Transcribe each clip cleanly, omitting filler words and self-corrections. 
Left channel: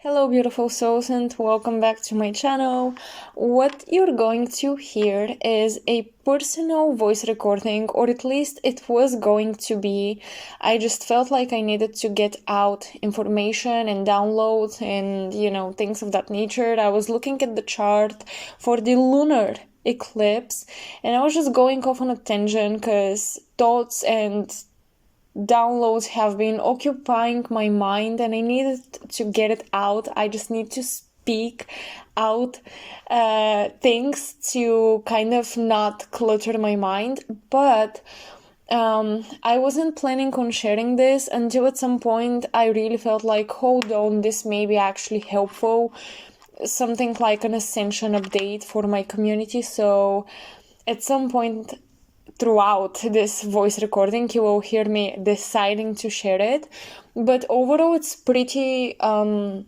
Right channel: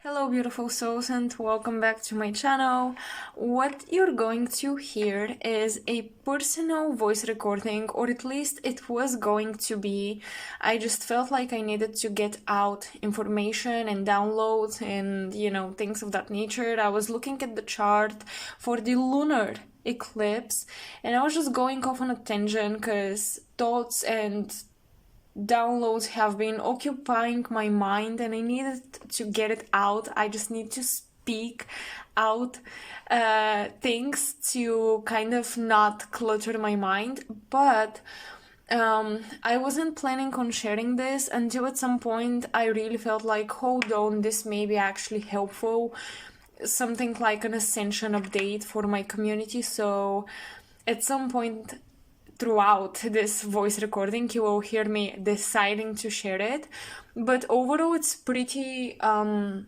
Hello beautiful souls and welcome back to my channel. What you're going to hear is a personal voice recording, or at least it was going to be. I just felt like I needed to get out information and downloads and things of that nature. I was looking at the chart for the lunar eclipse and I was just going off on a tangent because thoughts and downloads have been occupying my mind and I needed to get it out. I just need to speak out things to kind of not clutter my mind. But I wasn't planning on sharing this until at some point I really felt like, hold on, this may be actually helpful. Something like an ascension update for my community. So at some point throughout this voice recording you will hear me deciding to share it, but overall it's pretty raw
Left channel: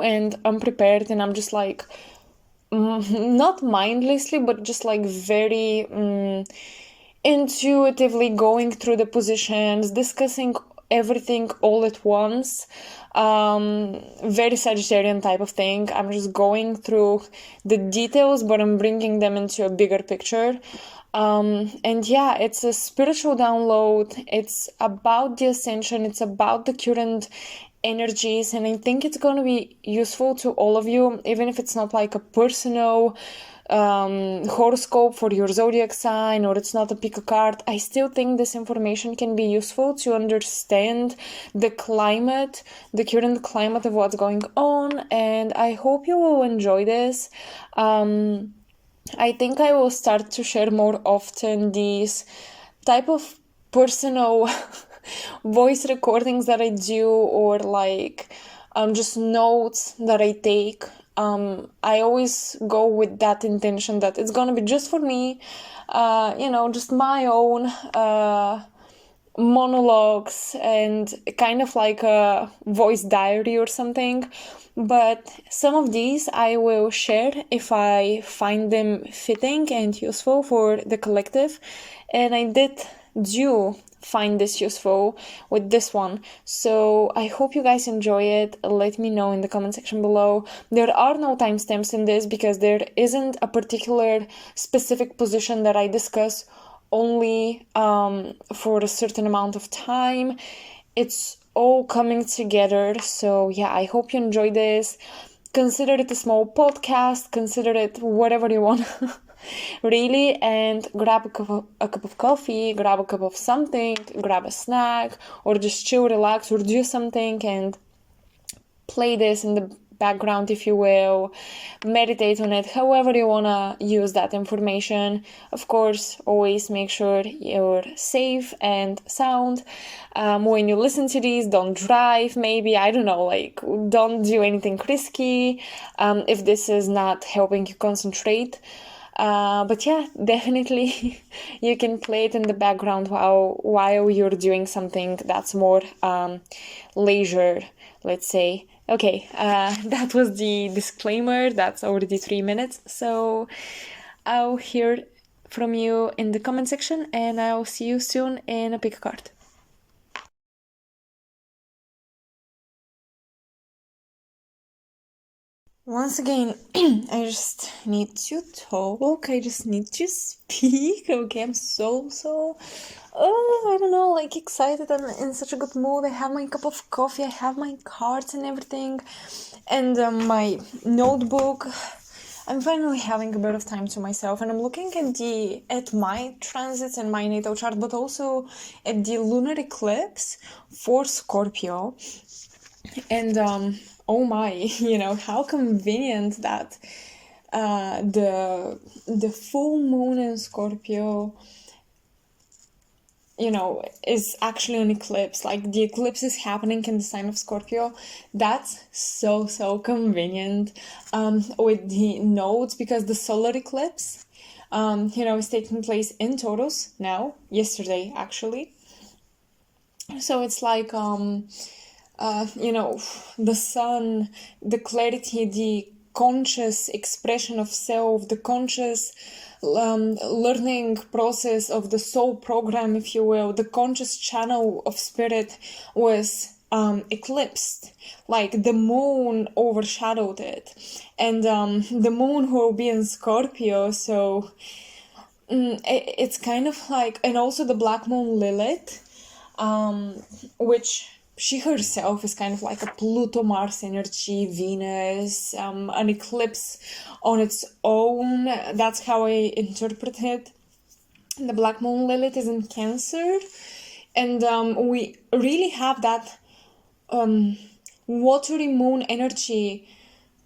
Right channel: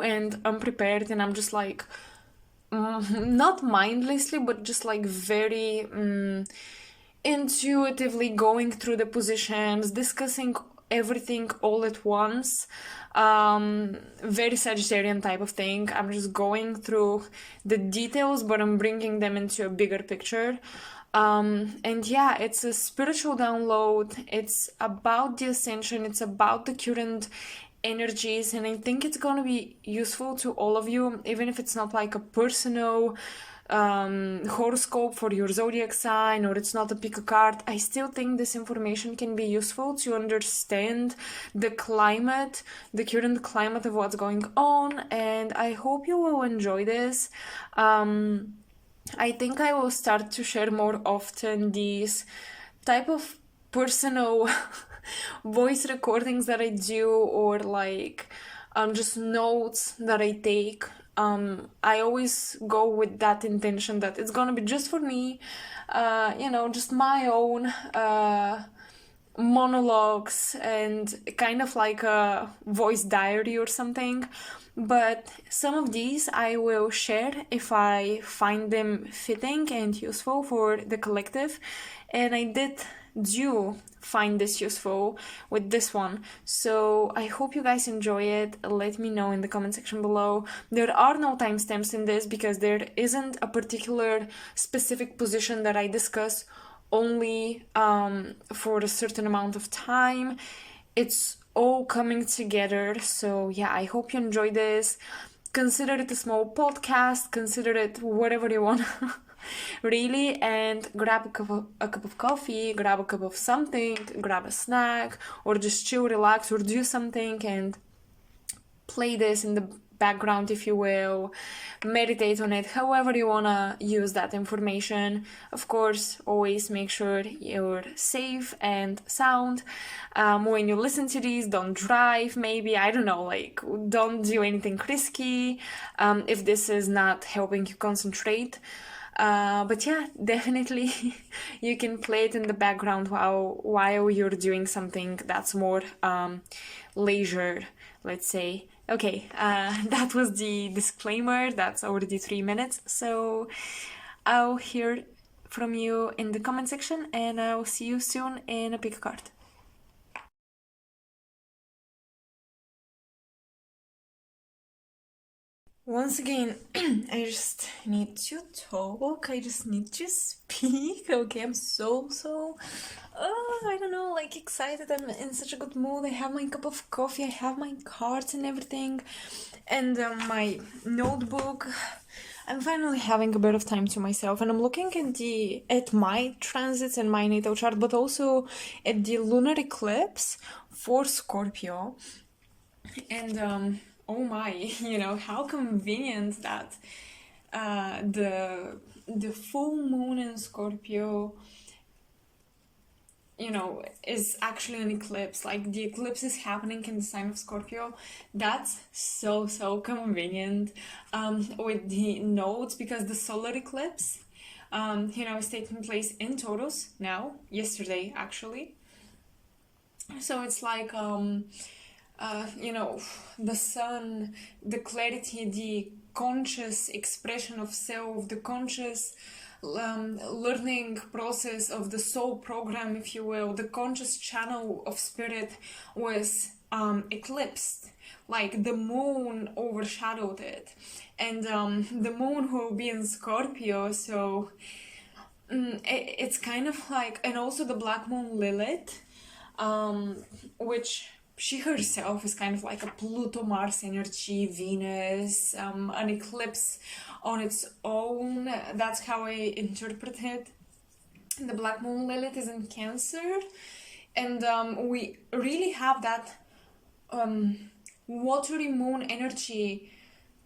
and unprepared, and I'm just like not mindlessly but just like very intuitively going through the positions, discussing everything all at once. Very Sagittarian type of thing. I'm just going through the details, but I'm bringing them into a bigger picture. And yeah, it's a spiritual download. It's about the ascension. It's about the current energies, and I think it's going to be useful to all of you, even if it's not like a personal horoscope for your zodiac sign, or it's not a pick a card. I still think this information can be useful to understand the climate, the current climate of what's going on, and I hope you will enjoy this. I think I will start to share more often these type of personal voice recordings that I do, or like just notes that I take. I always go with that intention that it's gonna be just for me, just my own monologues and kind of like a voice diary or something. But some of these I will share if I find them fitting and useful for the collective, and I do find this useful with this one, so I hope you guys enjoy it. Let me know in the comment section below. There are no timestamps in this because there isn't a particular specific position that I discuss only for a certain amount of time. It's all coming together. So yeah, I hope you enjoy this. Consider it a small podcast, consider it whatever you want really, and grab a cup of coffee, grab a cup of something, grab a snack, or just chill, relax, or do something and play this in the background, if you will. Meditate on it, however you want to use that information. Of course, always make sure you're safe and sound. When you listen to these, don't drive, maybe, I don't know, like, don't do anything risky if this is not helping you concentrate. But yeah, definitely you can play it in the background while you're doing something that's more leisure, let's say. Okay, that was the disclaimer. That's already 3 minutes. So I'll hear from you in the comment section, and I'll see you soon in a pick a card. Once again, I just need to talk. I just need to speak. Okay, I'm so I don't know, like excited. I'm in such a good mood. I have my cup of coffee, I have my cards and everything, and my notebook. I'm finally having a bit of time to myself, and I'm looking at my transits and my natal chart, but also at the lunar eclipse for Scorpio. And oh my, how convenient that the full moon in Scorpio is actually an eclipse. Like, the eclipse is happening in the sign of Scorpio. That's so convenient with the nodes, because the solar eclipse is taking place in Taurus now, yesterday actually. So it's like the sun, the clarity, the conscious expression of self, the conscious learning process of the soul program, if you will, the conscious channel of spirit was eclipsed, like the moon overshadowed it, and the moon will be in Scorpio, so it's kind of like, and also the black moon Lilith, which she herself is kind of like a Pluto Mars energy, Venus, an eclipse on its own. That's how I interpret it. The black moon Lilith is in Cancer, and we really have that watery moon energy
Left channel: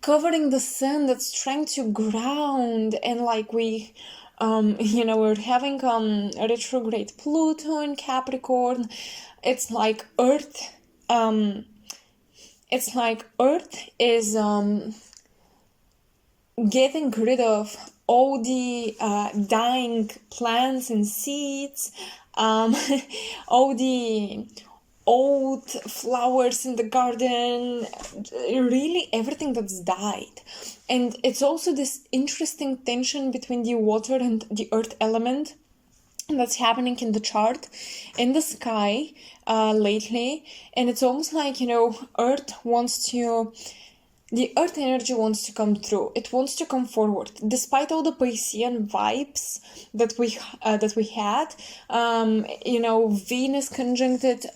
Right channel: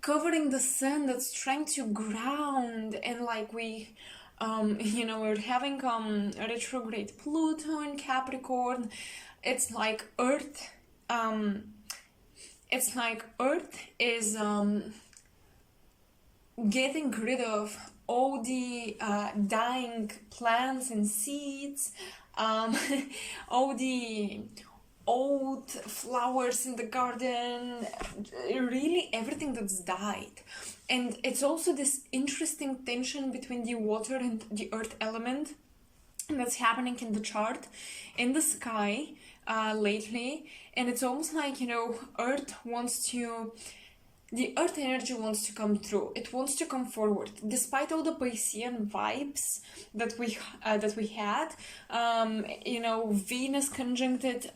covering the sun that's trying to ground, and like we we're having a retrograde Pluto in Capricorn. It's like Earth is getting rid of all the dying plants and seeds, all the old flowers in the garden, really everything that's died. And it's also this interesting tension between the water and the earth element that's happening in the chart, in the sky lately. And it's almost like, the earth energy wants to come through. It wants to come forward, despite all the Piscean vibes that we had. Venus conjuncted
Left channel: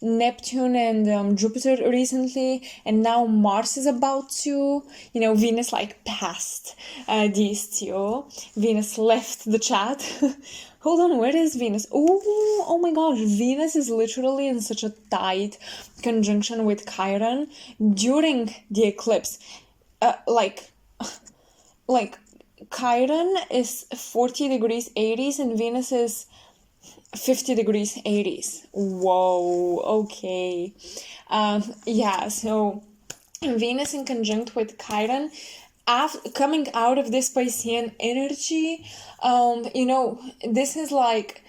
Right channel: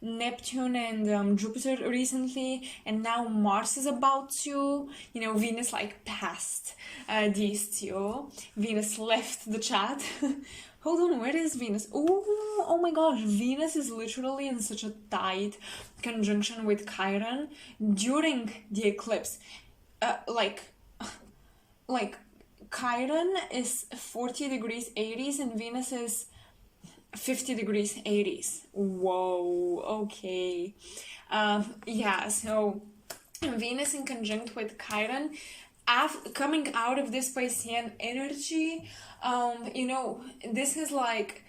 Neptune and Jupiter recently, and now Mars is about to. Venus like passed these two. Venus left the chat. Hold on, where is Venus? Oh my gosh, Venus is literally in such a tight conjunction with Chiron during the eclipse. Like Chiron is 40 degrees Aries and Venus is 50 degrees Aries. Whoa, okay. So Venus in conjunct with Chiron, coming out of this Piscean energy, this is like,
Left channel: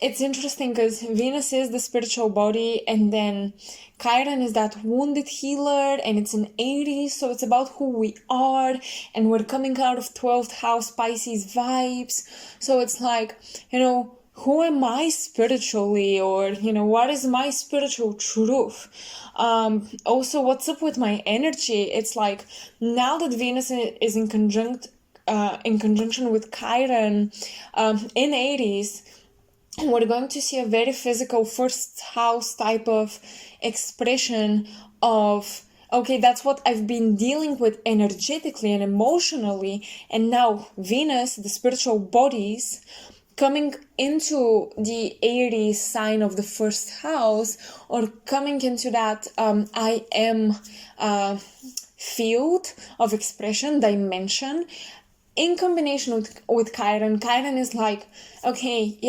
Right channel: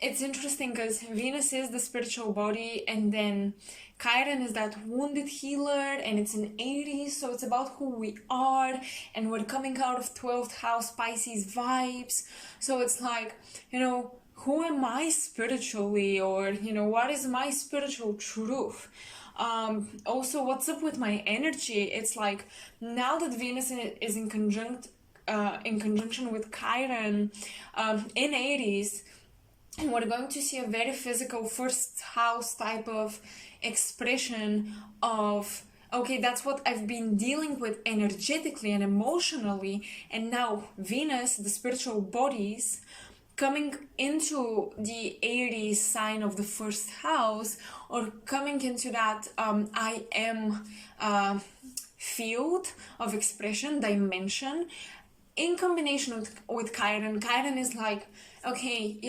it's interesting because Venus is the spiritual body, and then Chiron is that wounded healer, and it's in Aries, so it's about who we are, and we're coming out of 12th house Pisces vibes. So it's like, who am I spiritually, or what is my spiritual truth? Also, what's up with my energy? It's like, now that Venus is in conjunction with Chiron in Aries, we're going to see a very physical first house type of expression of, okay, that's what I've been dealing with energetically and emotionally, and now Venus, the spiritual bodies, coming into the Aries sign of the first house, or coming into that I am field of expression, dimension, in combination with Chiron. Chiron is like, okay,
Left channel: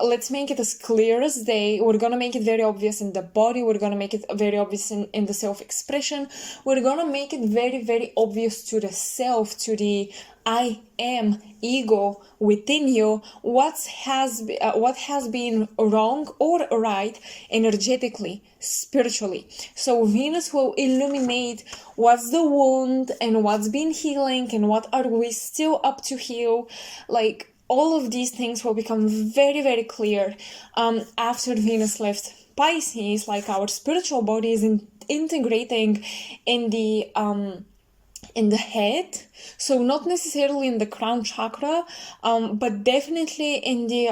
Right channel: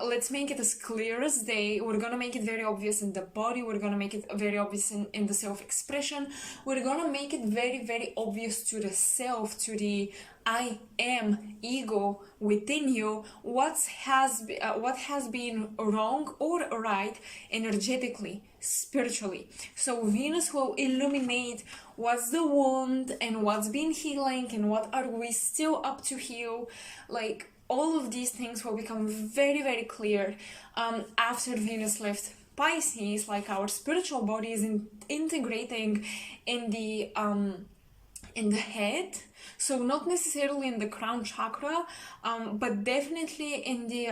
let's make it as clear as day. We're gonna make it very obvious in the body. We're gonna make it very obvious in the self-expression. We're gonna make it very, very obvious to the self, to the I am ego within you, what has been wrong or right energetically, spiritually. So Venus will illuminate what's the wound and what's been healing and what are we still up to heal. Like, all of these things will become very, very clear after Venus left Pisces. Like, our spiritual body is integrating in the head, so not necessarily in the crown chakra, but definitely in the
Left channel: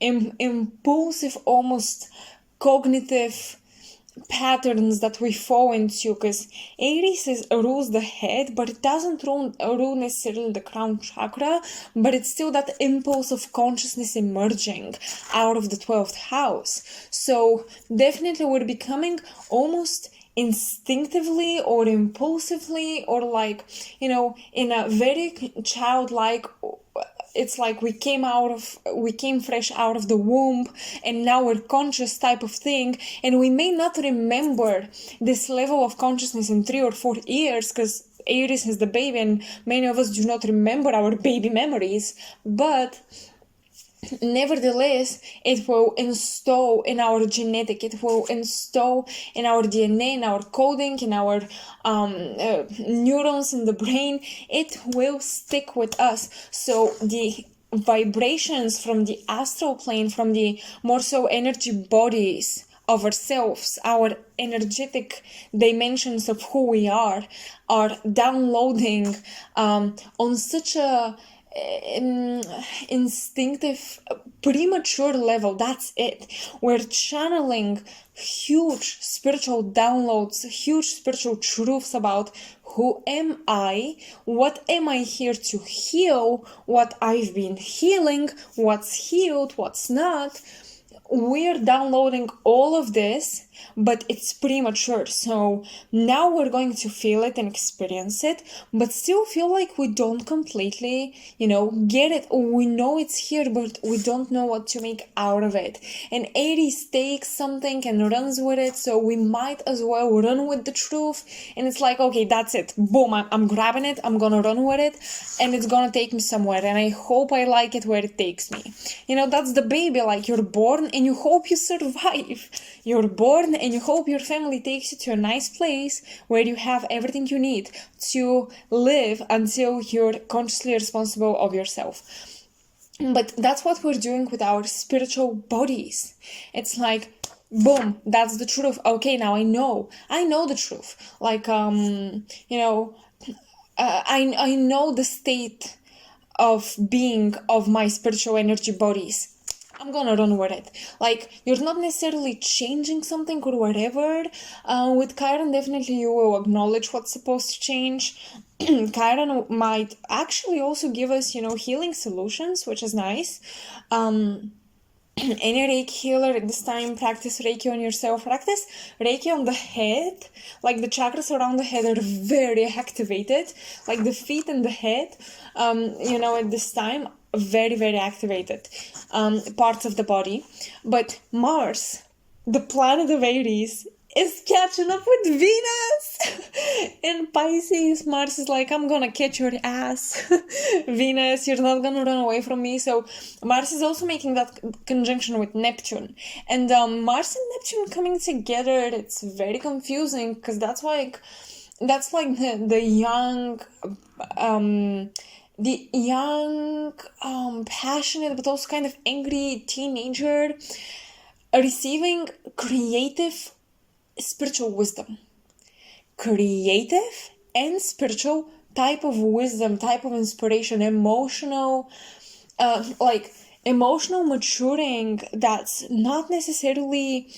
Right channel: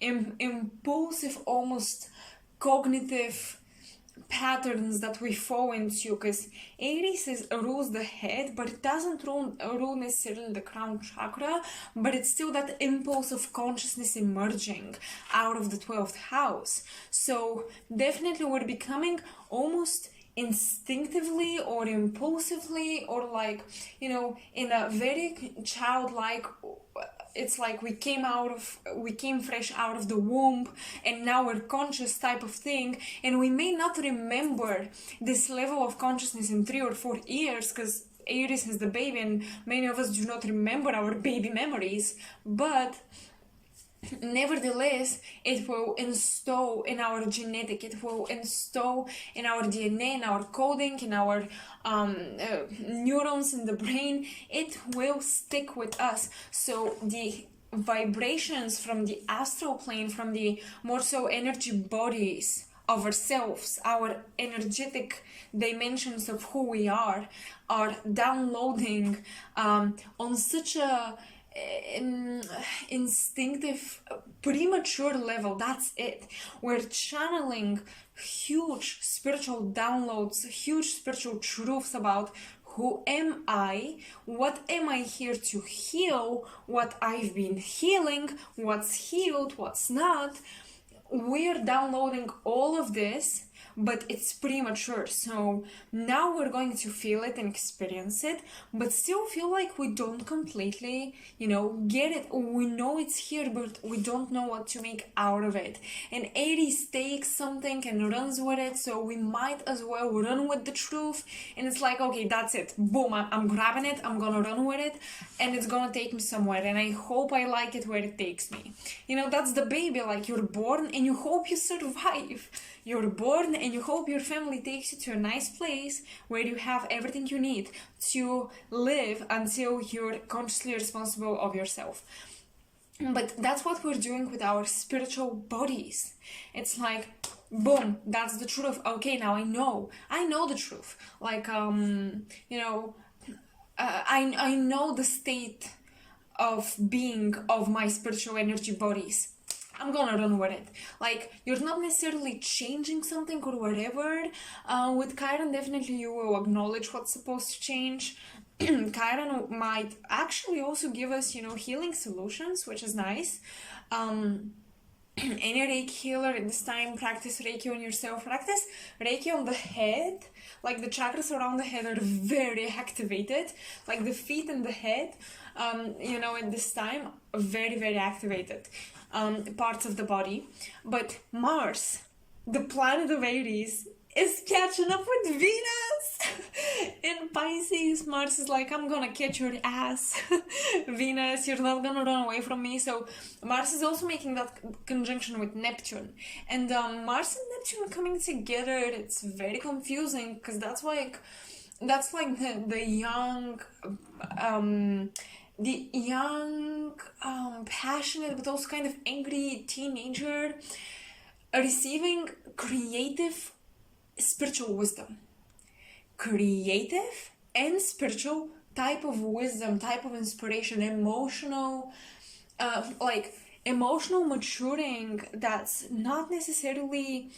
impulsive, almost cognitive patterns that we fall into, because Aries rules the head, but it doesn't rule necessarily the crown chakra, but it's still that impulse of consciousness emerging out of the 12th house. So definitely we're becoming almost instinctively or impulsively, or like, in a very childlike, it's like we came fresh out of the womb, and now we're conscious type of thing, and we may not remember this level of consciousness in 3 or 4 years, because Aries is the baby and many of us do not remember our baby memories, but nevertheless, it will install in our genetic, it will install in our DNA, in our coding, in our neurons in the brain. It will stick with us. So the vibrations from the astral plane, from the more so energy bodies of ourselves, our energetic dimensions of who we are downloading on such a instinctive, premature level. That's it. We're channeling huge spiritual downloads, huge spiritual truths about who am I, what am I here to heal, what I've been healing, what's healed, what's not. We're downloading all of this, but it's premature. So now we're going to feel it and experience it, but still feel like we don't completely, get it. We know it's here, but we don't know what to make out of it. And Aries takes something and runs with it, so we might as well run with the truth. And it's like, okay, that's it. Boom, I'm grabbing it, I'm gonna run with it, and it's gonna take me somewhere. And I hope I like it where it takes me. That's the baby, like you're born and you hope you survive. You're born and you hope your family takes you to a nice place where you have everything you need to live until you're consciously responsible of yourself. But that's what we're doing with our spiritual bodies. It's like, boom, that's the truth. Okay, now I know the truth. Like, I know the state of being of my spiritual energy bodies. I'm gonna run with it. Like, you're not necessarily changing something or whatever. With Chiron, definitely you will acknowledge what's supposed to change. Chiron might actually also give us, healing solutions, which is nice. Any Reiki healer at this time, practice Reiki on yourself. Practice Reiki on the head. Like, the chakras around the head are very activated. Like, the feet and the head, at this time, very, very activated parts of the body. But Mars, the planet of Aries, is catching up with Venus in Pisces. Mars is like, I'm gonna catch your ass. Venus, you're not gonna run away from me. So Mars is also making that conjunction with Neptune. And Mars and Neptune coming together, it's very confusing, because that's like the young passionate but also kind of angry teenager receiving creative spiritual wisdom. Creative and spiritual type of wisdom, type of inspiration, emotional maturing that's not necessarily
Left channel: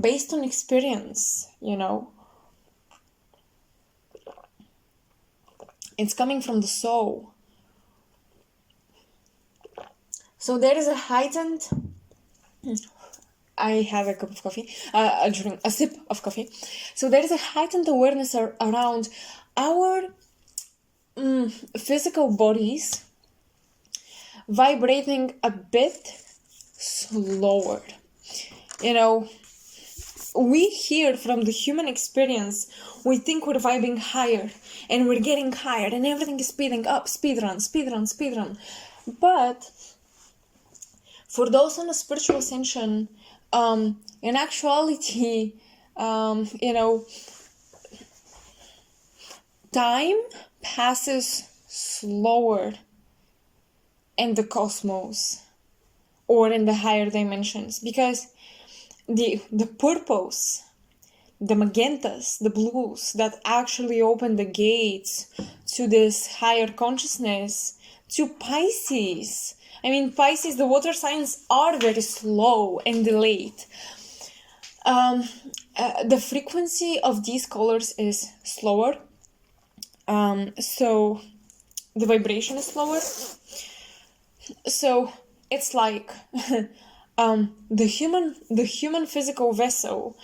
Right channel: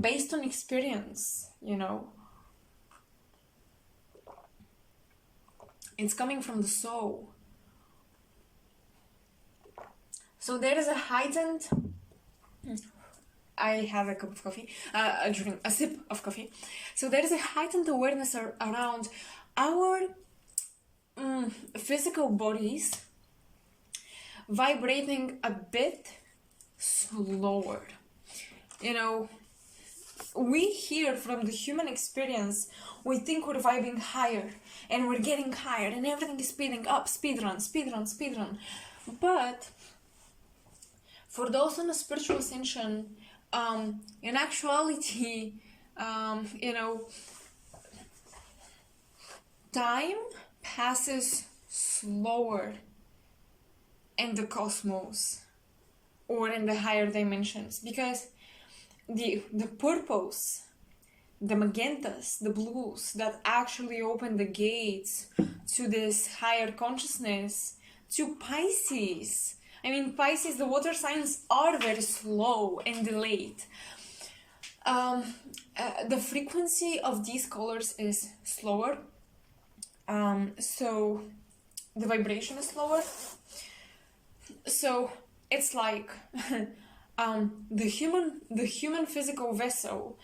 based on experience, It's coming from the soul. So there is a heightened... I have a cup of coffee, a sip of coffee. So there is a heightened awareness around our physical bodies vibrating a bit slower. We hear from the human experience, we think we're vibing higher and we're getting higher and everything is speeding up, speed run. But for those on a spiritual ascension, in actuality, time passes slower in the cosmos or in the higher dimensions, because the purpose, the magentas, the blues that actually open the gates to this higher consciousness, to Pisces. I mean, Pisces, the water signs are very slow and delayed. The frequency of these colors is slower. So the vibration is slower. So it's like the human physical vessel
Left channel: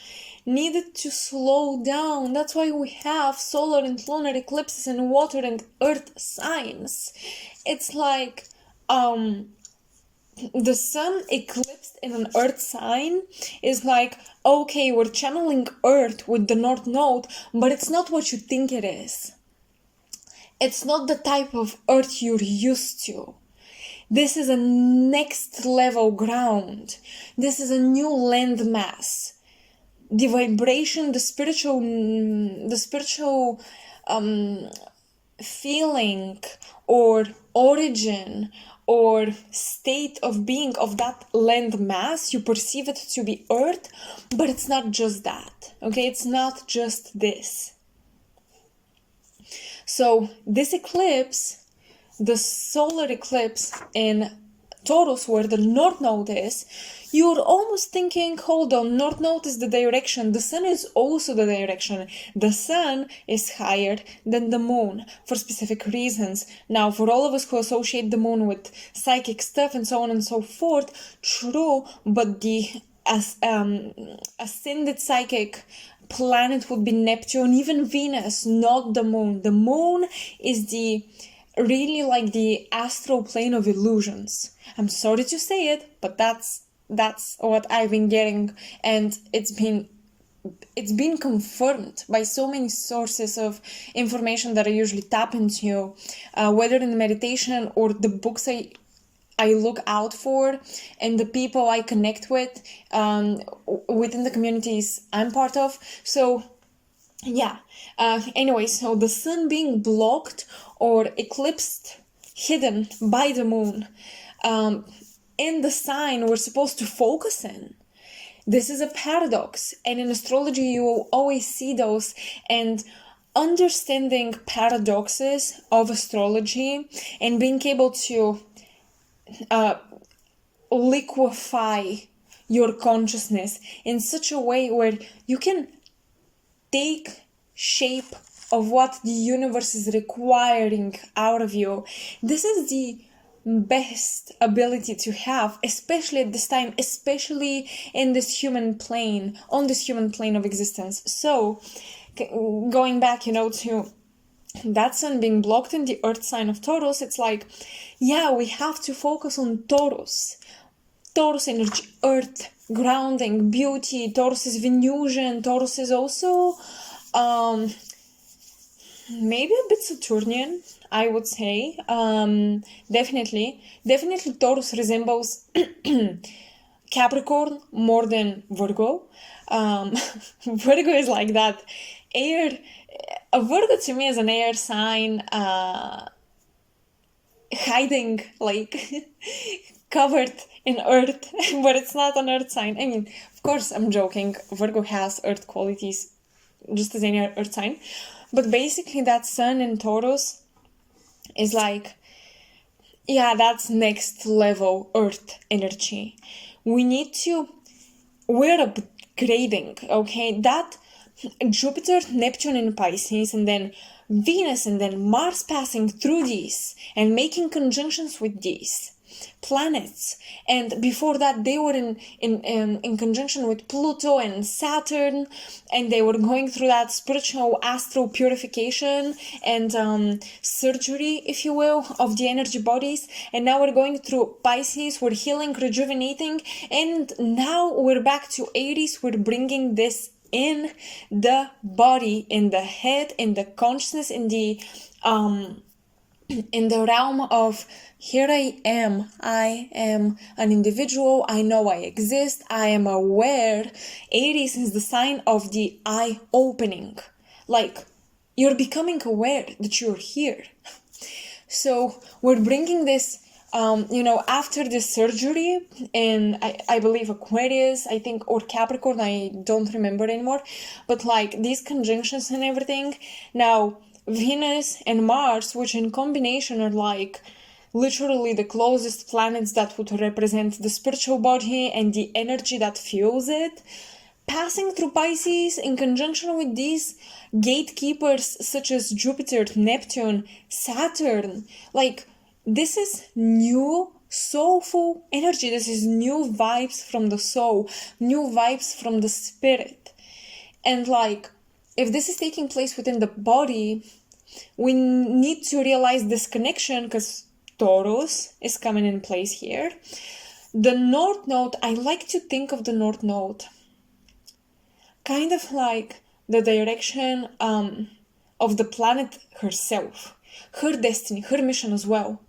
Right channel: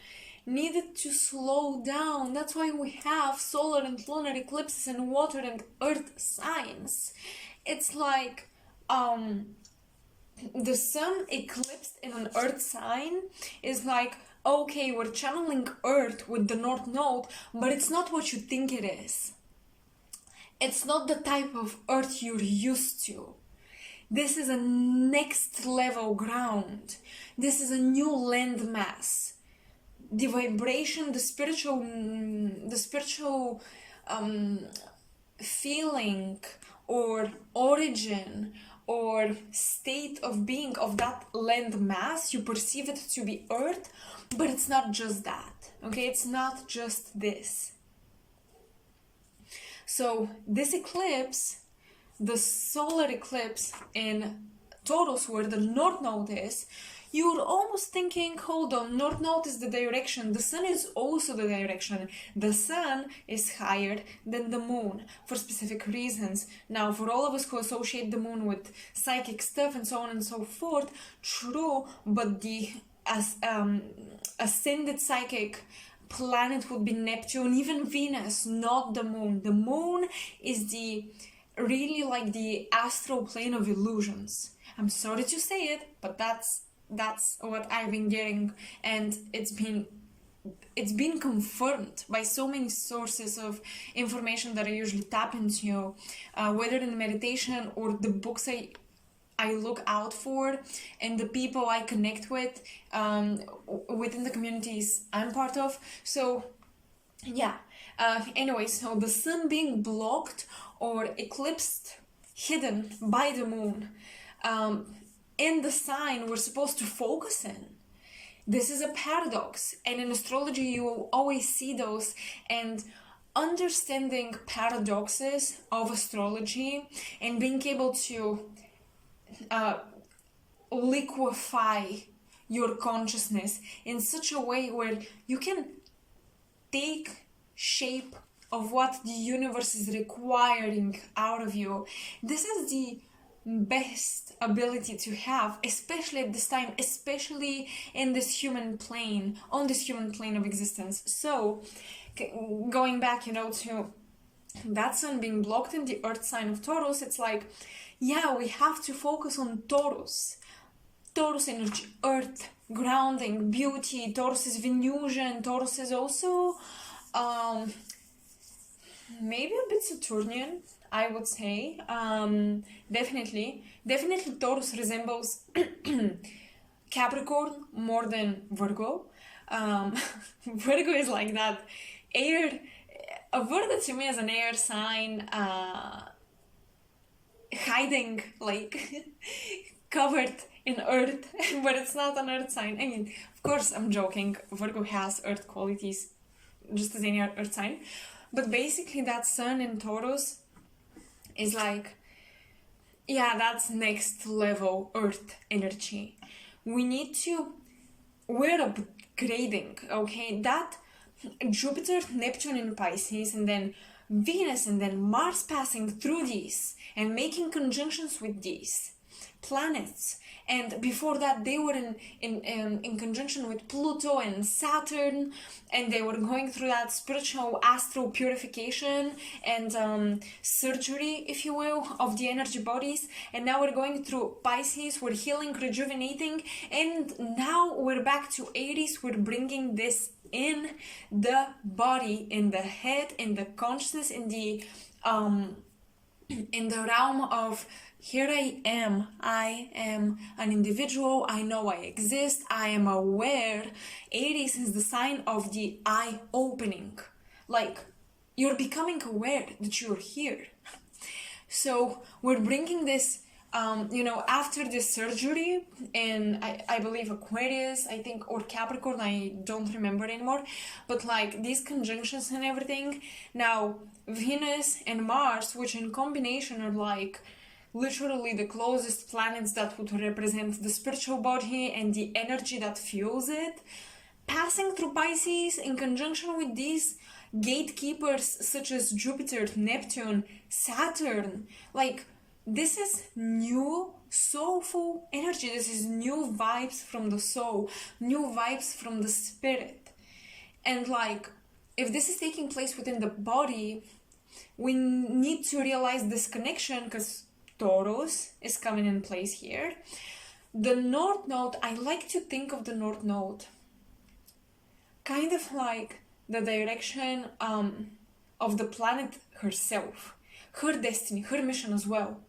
needed to slow down. That's why we have solar and lunar eclipses and water and earth signs. It's like the sun eclipsed in an earth sign is like, okay, we're channeling earth with the north node, but it's not what you think it is. It's not the type of earth you're used to. This is a next level ground. This is a new landmass. The vibration, the spiritual feeling or origin or state of being of that land mass. You perceive it to be Earth, but it's not just that, okay? It's not just this. So this eclipse, the solar eclipse in Taurus, where the North Node is, you're almost thinking, hold on, North Node is the direction. The Sun is also the direction. The Sun is higher than the Moon for specific reasons. Now, for all of us who associate the Moon with psychic stuff and so on and so forth, true, but the ascended psychic planet would be Neptune, even Venus, not the Moon. The Moon is the really like the astral plane of illusions. I'm sorry to say it, but that's what I've been getting, and it's been confirmed by so many sources of information that I usually tap into, whether in meditation or the books I look out for and the people I connect with within the communities I'm part of. So yeah, anyway, so the Sun being blocked or eclipsed, hidden by the Moon, in the sign we're supposed to focus in. This is a paradox, and in astrology you will always see those. And understanding paradoxes of astrology and being able to liquefy your consciousness in such a way where you can take shape of what the universe is requiring out of you. This is the best ability to have, especially at this time, especially in this human plane, on this human plane of existence. So going back, to that Sun being blocked in the Earth sign of Taurus, it's like, yeah, we have to focus on Taurus energy, Earth, grounding, beauty. Taurus is Venusian. Taurus is also maybe a bit Saturnian, I would say. Definitely Taurus resembles Capricorn more than Virgo. Virgo is like that air. Virgo to me is an air sign, hiding, like covered in earth, but it's not an earth sign. I mean, of course, I'm joking. Virgo has earth qualities, just as any earth sign. But basically, that Sun in Taurus is like, yeah, that's next level earth energy. We're upgrading, okay? That Jupiter, Neptune in Pisces, and then Venus, and then Mars passing through these and making conjunctions with these planets. And before that, they were in conjunction with Pluto and Saturn, and they were going through that spiritual astral purification and surgery, if you will, of the energy bodies. And now we're going through Pisces, we're healing, rejuvenating, and now we're back to Aries. We're bringing this in the body, in the head, in the consciousness, in the realm of, here I am an individual, I know I exist, I am aware. Aries is the sign of the eye opening, like you're becoming aware that you're here. So we're bringing this after the surgery in, I believe, Aquarius, I think, or Capricorn, I don't remember anymore, but like these conjunctions and everything. Now, Venus and Mars, which in combination are like literally the closest planets that would represent the spiritual body and the energy that fuels it, passing through Pisces in conjunction with these gatekeepers such as Jupiter, Neptune, Saturn. Like, this is new soulful energy. This is new vibes from the soul, new vibes from the spirit. And like, if this is taking place within the body, we need to realize this connection, because Taurus is coming in place here. The North Node, I like to think of the North Node kind of like the direction of the planet herself, her destiny, her mission as well.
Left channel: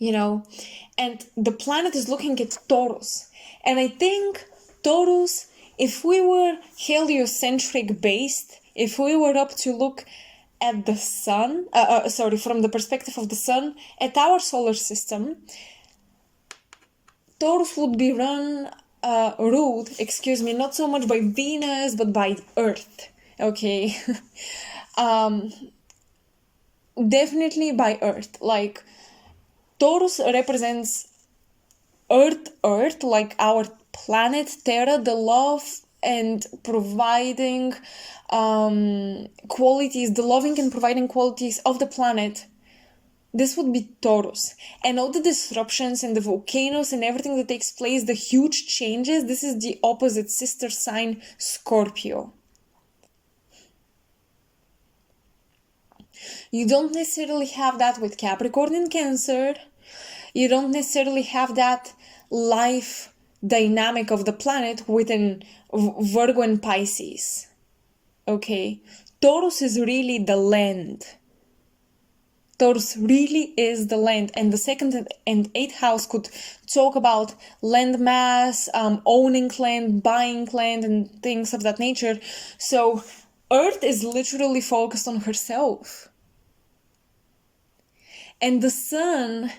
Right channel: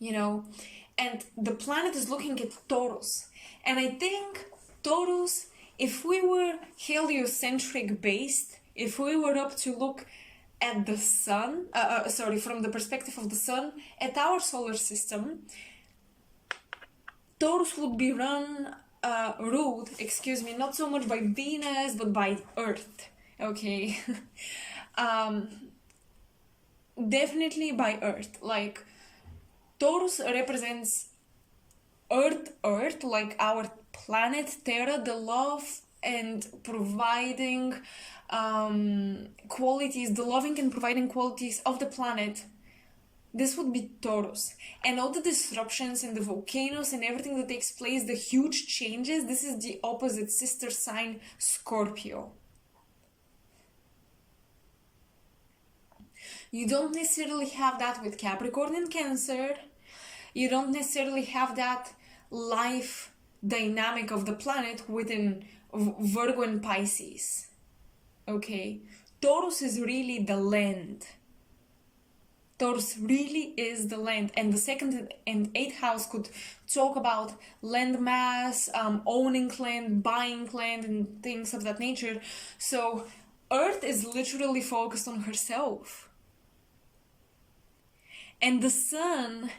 And the planet is looking at Taurus. And I think Taurus, if we were heliocentric based, if we were up to look at the sun, from the perspective of the sun, at our solar system, Taurus would be ruled, not so much by Venus, but by Earth, okay? Definitely by Earth. Like, Taurus represents Earth, like our planet, Terra, the love and providing qualities, the loving and providing qualities of the planet. This would be Taurus. And all the disruptions and the volcanoes and everything that takes place, the huge changes, this is the opposite sister sign, Scorpio. You don't necessarily have that with Capricorn and Cancer. You don't necessarily have that life dynamic of the planet within Virgo and Pisces. Okay? Taurus is really the land. Taurus really is the land, and the second and eighth house could talk about land mass, owning land, buying land, and things of that nature. So Earth is literally focused on herself. And the sun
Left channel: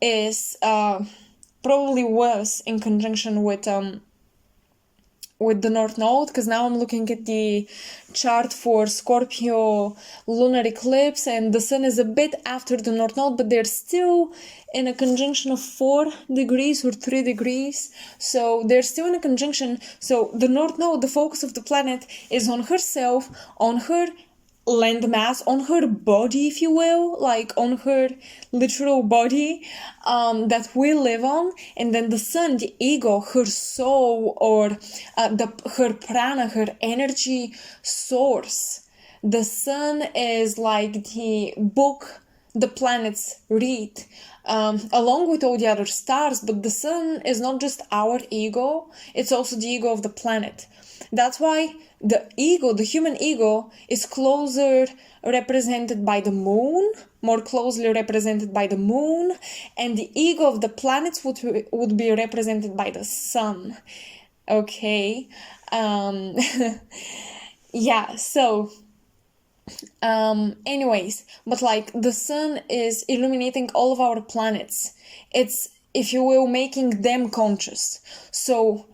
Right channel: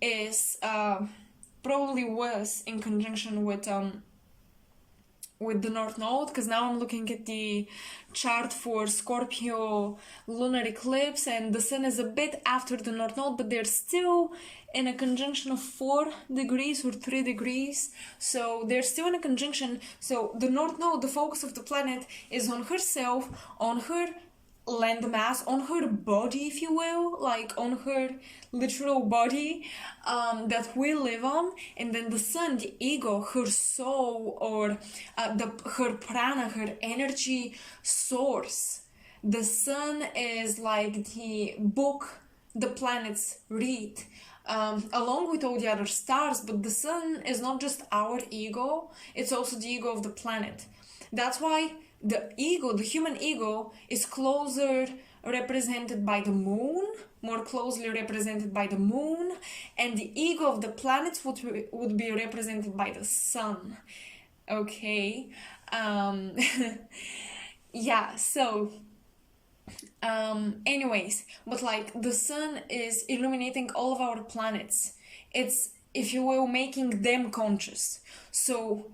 is probably was in conjunction with the North Node, because now I'm looking at the chart for Scorpio lunar eclipse, and the sun is a bit after the North Node, but they're still in a conjunction of 4 degrees or 3 degrees. So they're still in a conjunction. So the North Node, the focus of the planet, is on herself, on her land mass, on her body, if you will, like on her literal body that we live on. And then the sun, the ego, her soul, or her prana, her energy source. The sun is like the book the planets read, along with all the other stars. But the sun is not just our ego, it's also the ego of the planet. That's why the ego, the human ego, is closer represented by the moon, more closely represented by the moon, and the ego of the planets would be represented by the sun. Okay? Yeah, so anyways, but like the sun is illuminating all of our planets. It's, if you will, making them conscious. So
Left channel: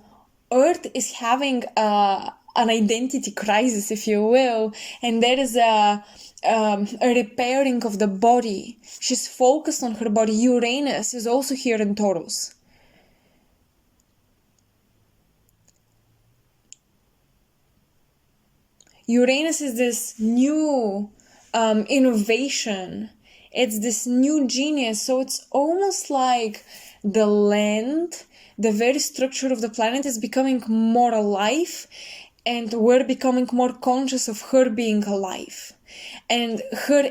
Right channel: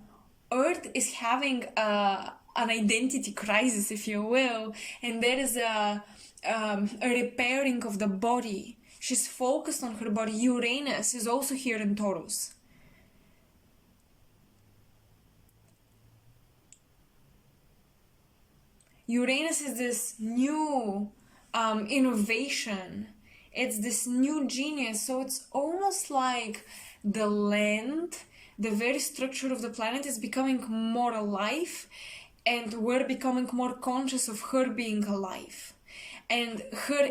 Earth is having an identity crisis, if you will, and there is a repairing of the body. She's focused on her body. Uranus is also here in Taurus. Uranus is this new innovation. It's this new genius. So it's almost like the land, the very structure of the planet is becoming more alive, and we're becoming more conscious of her being alive. And her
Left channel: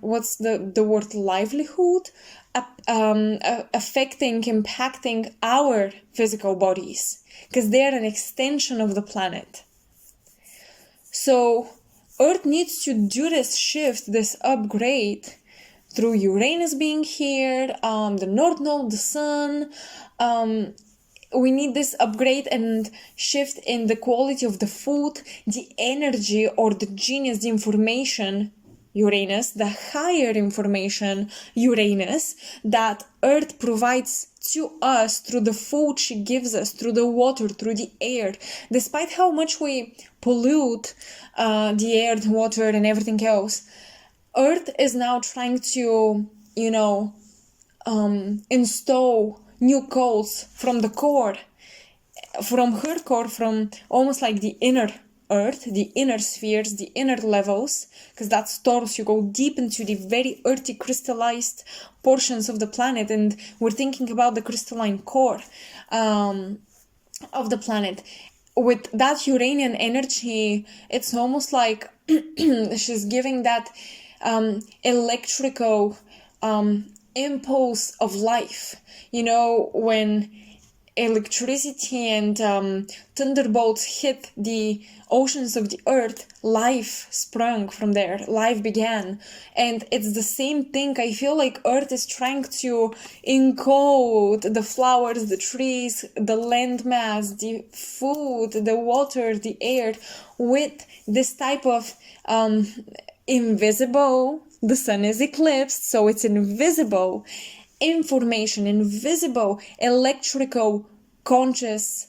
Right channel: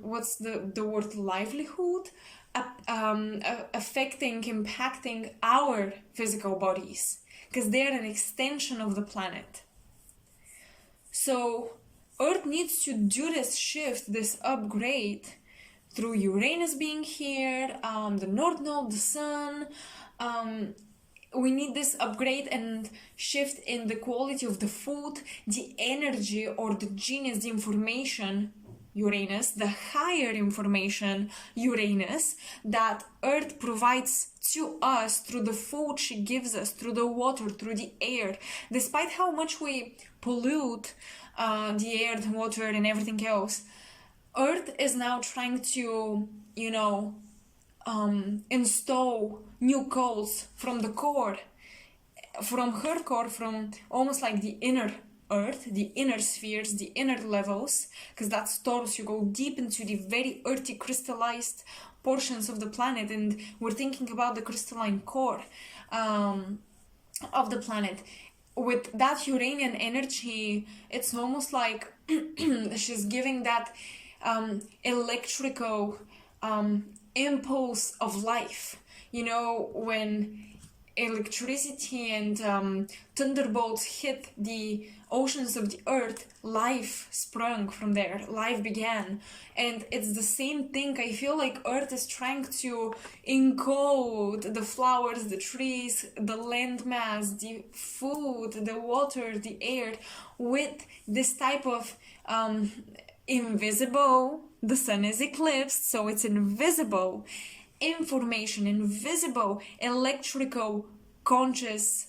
what's the word, livelihood, affecting, impacting our physical bodies, because they're an extension of the planet. So Earth needs to do this shift, this upgrade, through Uranus being here, the North Node, the sun. We need this upgrade and shift in the quality of the food, the energy or the genius, the information, Uranus, the higher information, Uranus, that Earth provides to us through the food she gives us, through the water, through the air. Despite how much we pollute the air, the water, and everything else, Earth is now trying to, install new codes from the core, from her core, from almost like the inner Earth, the inner spheres, the inner levels, because that's Taurus. You go deep into the very earthy, crystallized portions of the planet, and we're thinking about the crystalline core of the planet. With that Uranian energy, it's almost like she's giving that electrical impulse of life. When electricity and thunderbolts hit the oceans of the earth, life sprung from there, life began. And it's the same thing. I feel like earth is trying to encode the flowers, the trees, the landmass, the food, the water, the air with this type of invisible, the sun is eclipsed, so it's invisible information, invisible electrical consciousness,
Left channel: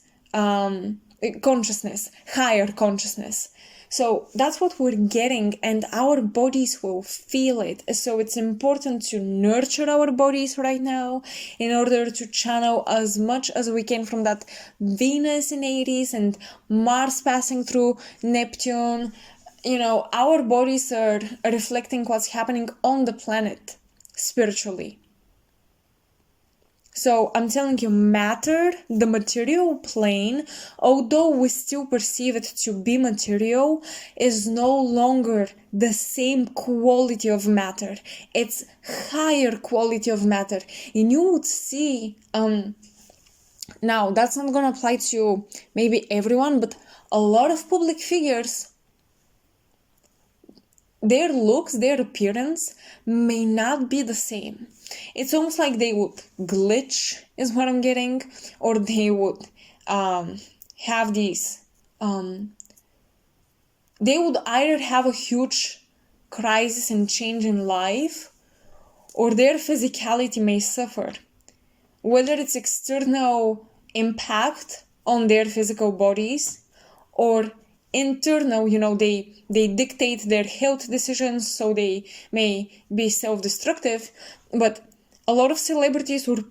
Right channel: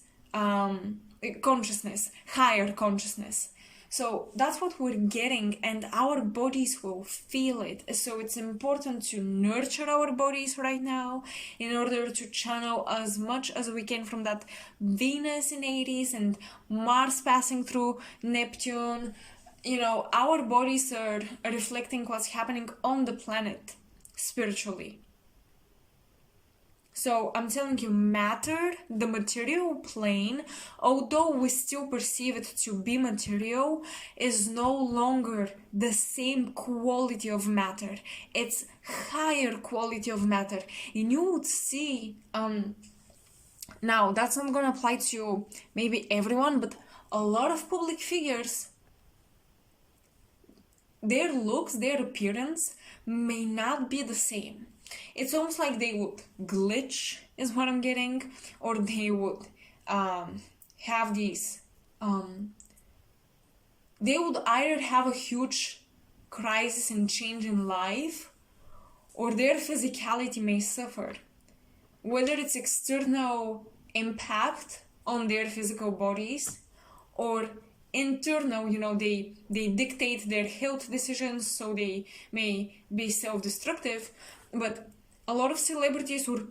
higher consciousness. So that's what we're getting, and our bodies will feel it. So it's important to nurture our bodies right now in order to channel as much as we can from that Venus in Aries and Mars passing through Neptune. Our bodies are reflecting what's happening on the planet spiritually. So I'm telling you, matter, the material plane, although we still perceive it to be material, is no longer the same quality of matter. It's higher quality of matter. And you would see, now that's not going to apply to maybe everyone, but a lot of public figures, their looks, their appearance may not be the same. It's almost like they would glitch, is what I'm getting, or they would have these, they would either have a huge crisis and change in life, or their physicality may suffer. Whether it's external impact on their physical bodies, or internal, they dictate their health decisions, so they may be self-destructive. But a lot of celebrities were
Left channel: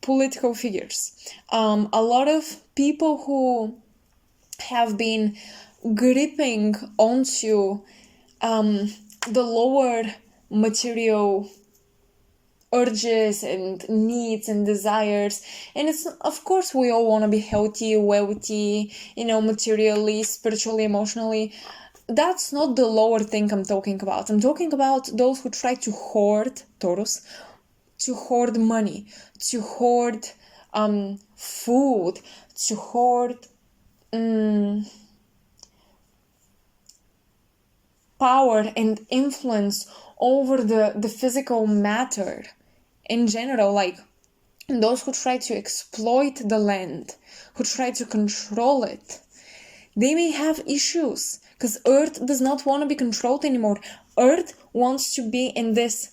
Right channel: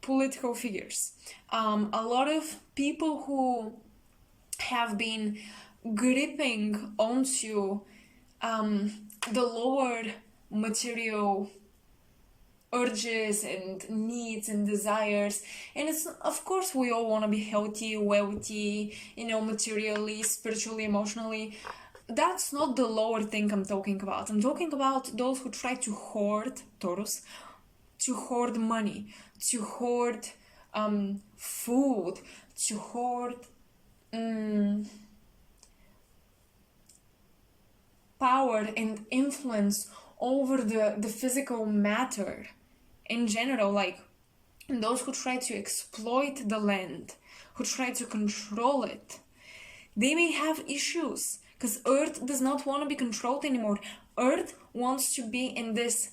political figures. A lot of people who have been gripping onto the lower material urges and needs and desires. And it's, of course, we all want to be healthy, wealthy, materially, spiritually, emotionally. That's not the lower thing I'm talking about. I'm talking about those who try to hoard, Taurus, to hoard money, to hoard food, to hoard power and influence over the physical matter in general, like those who try to exploit the land, who try to control it. They may have issues because Earth does not want to be controlled anymore. Earth wants to be in this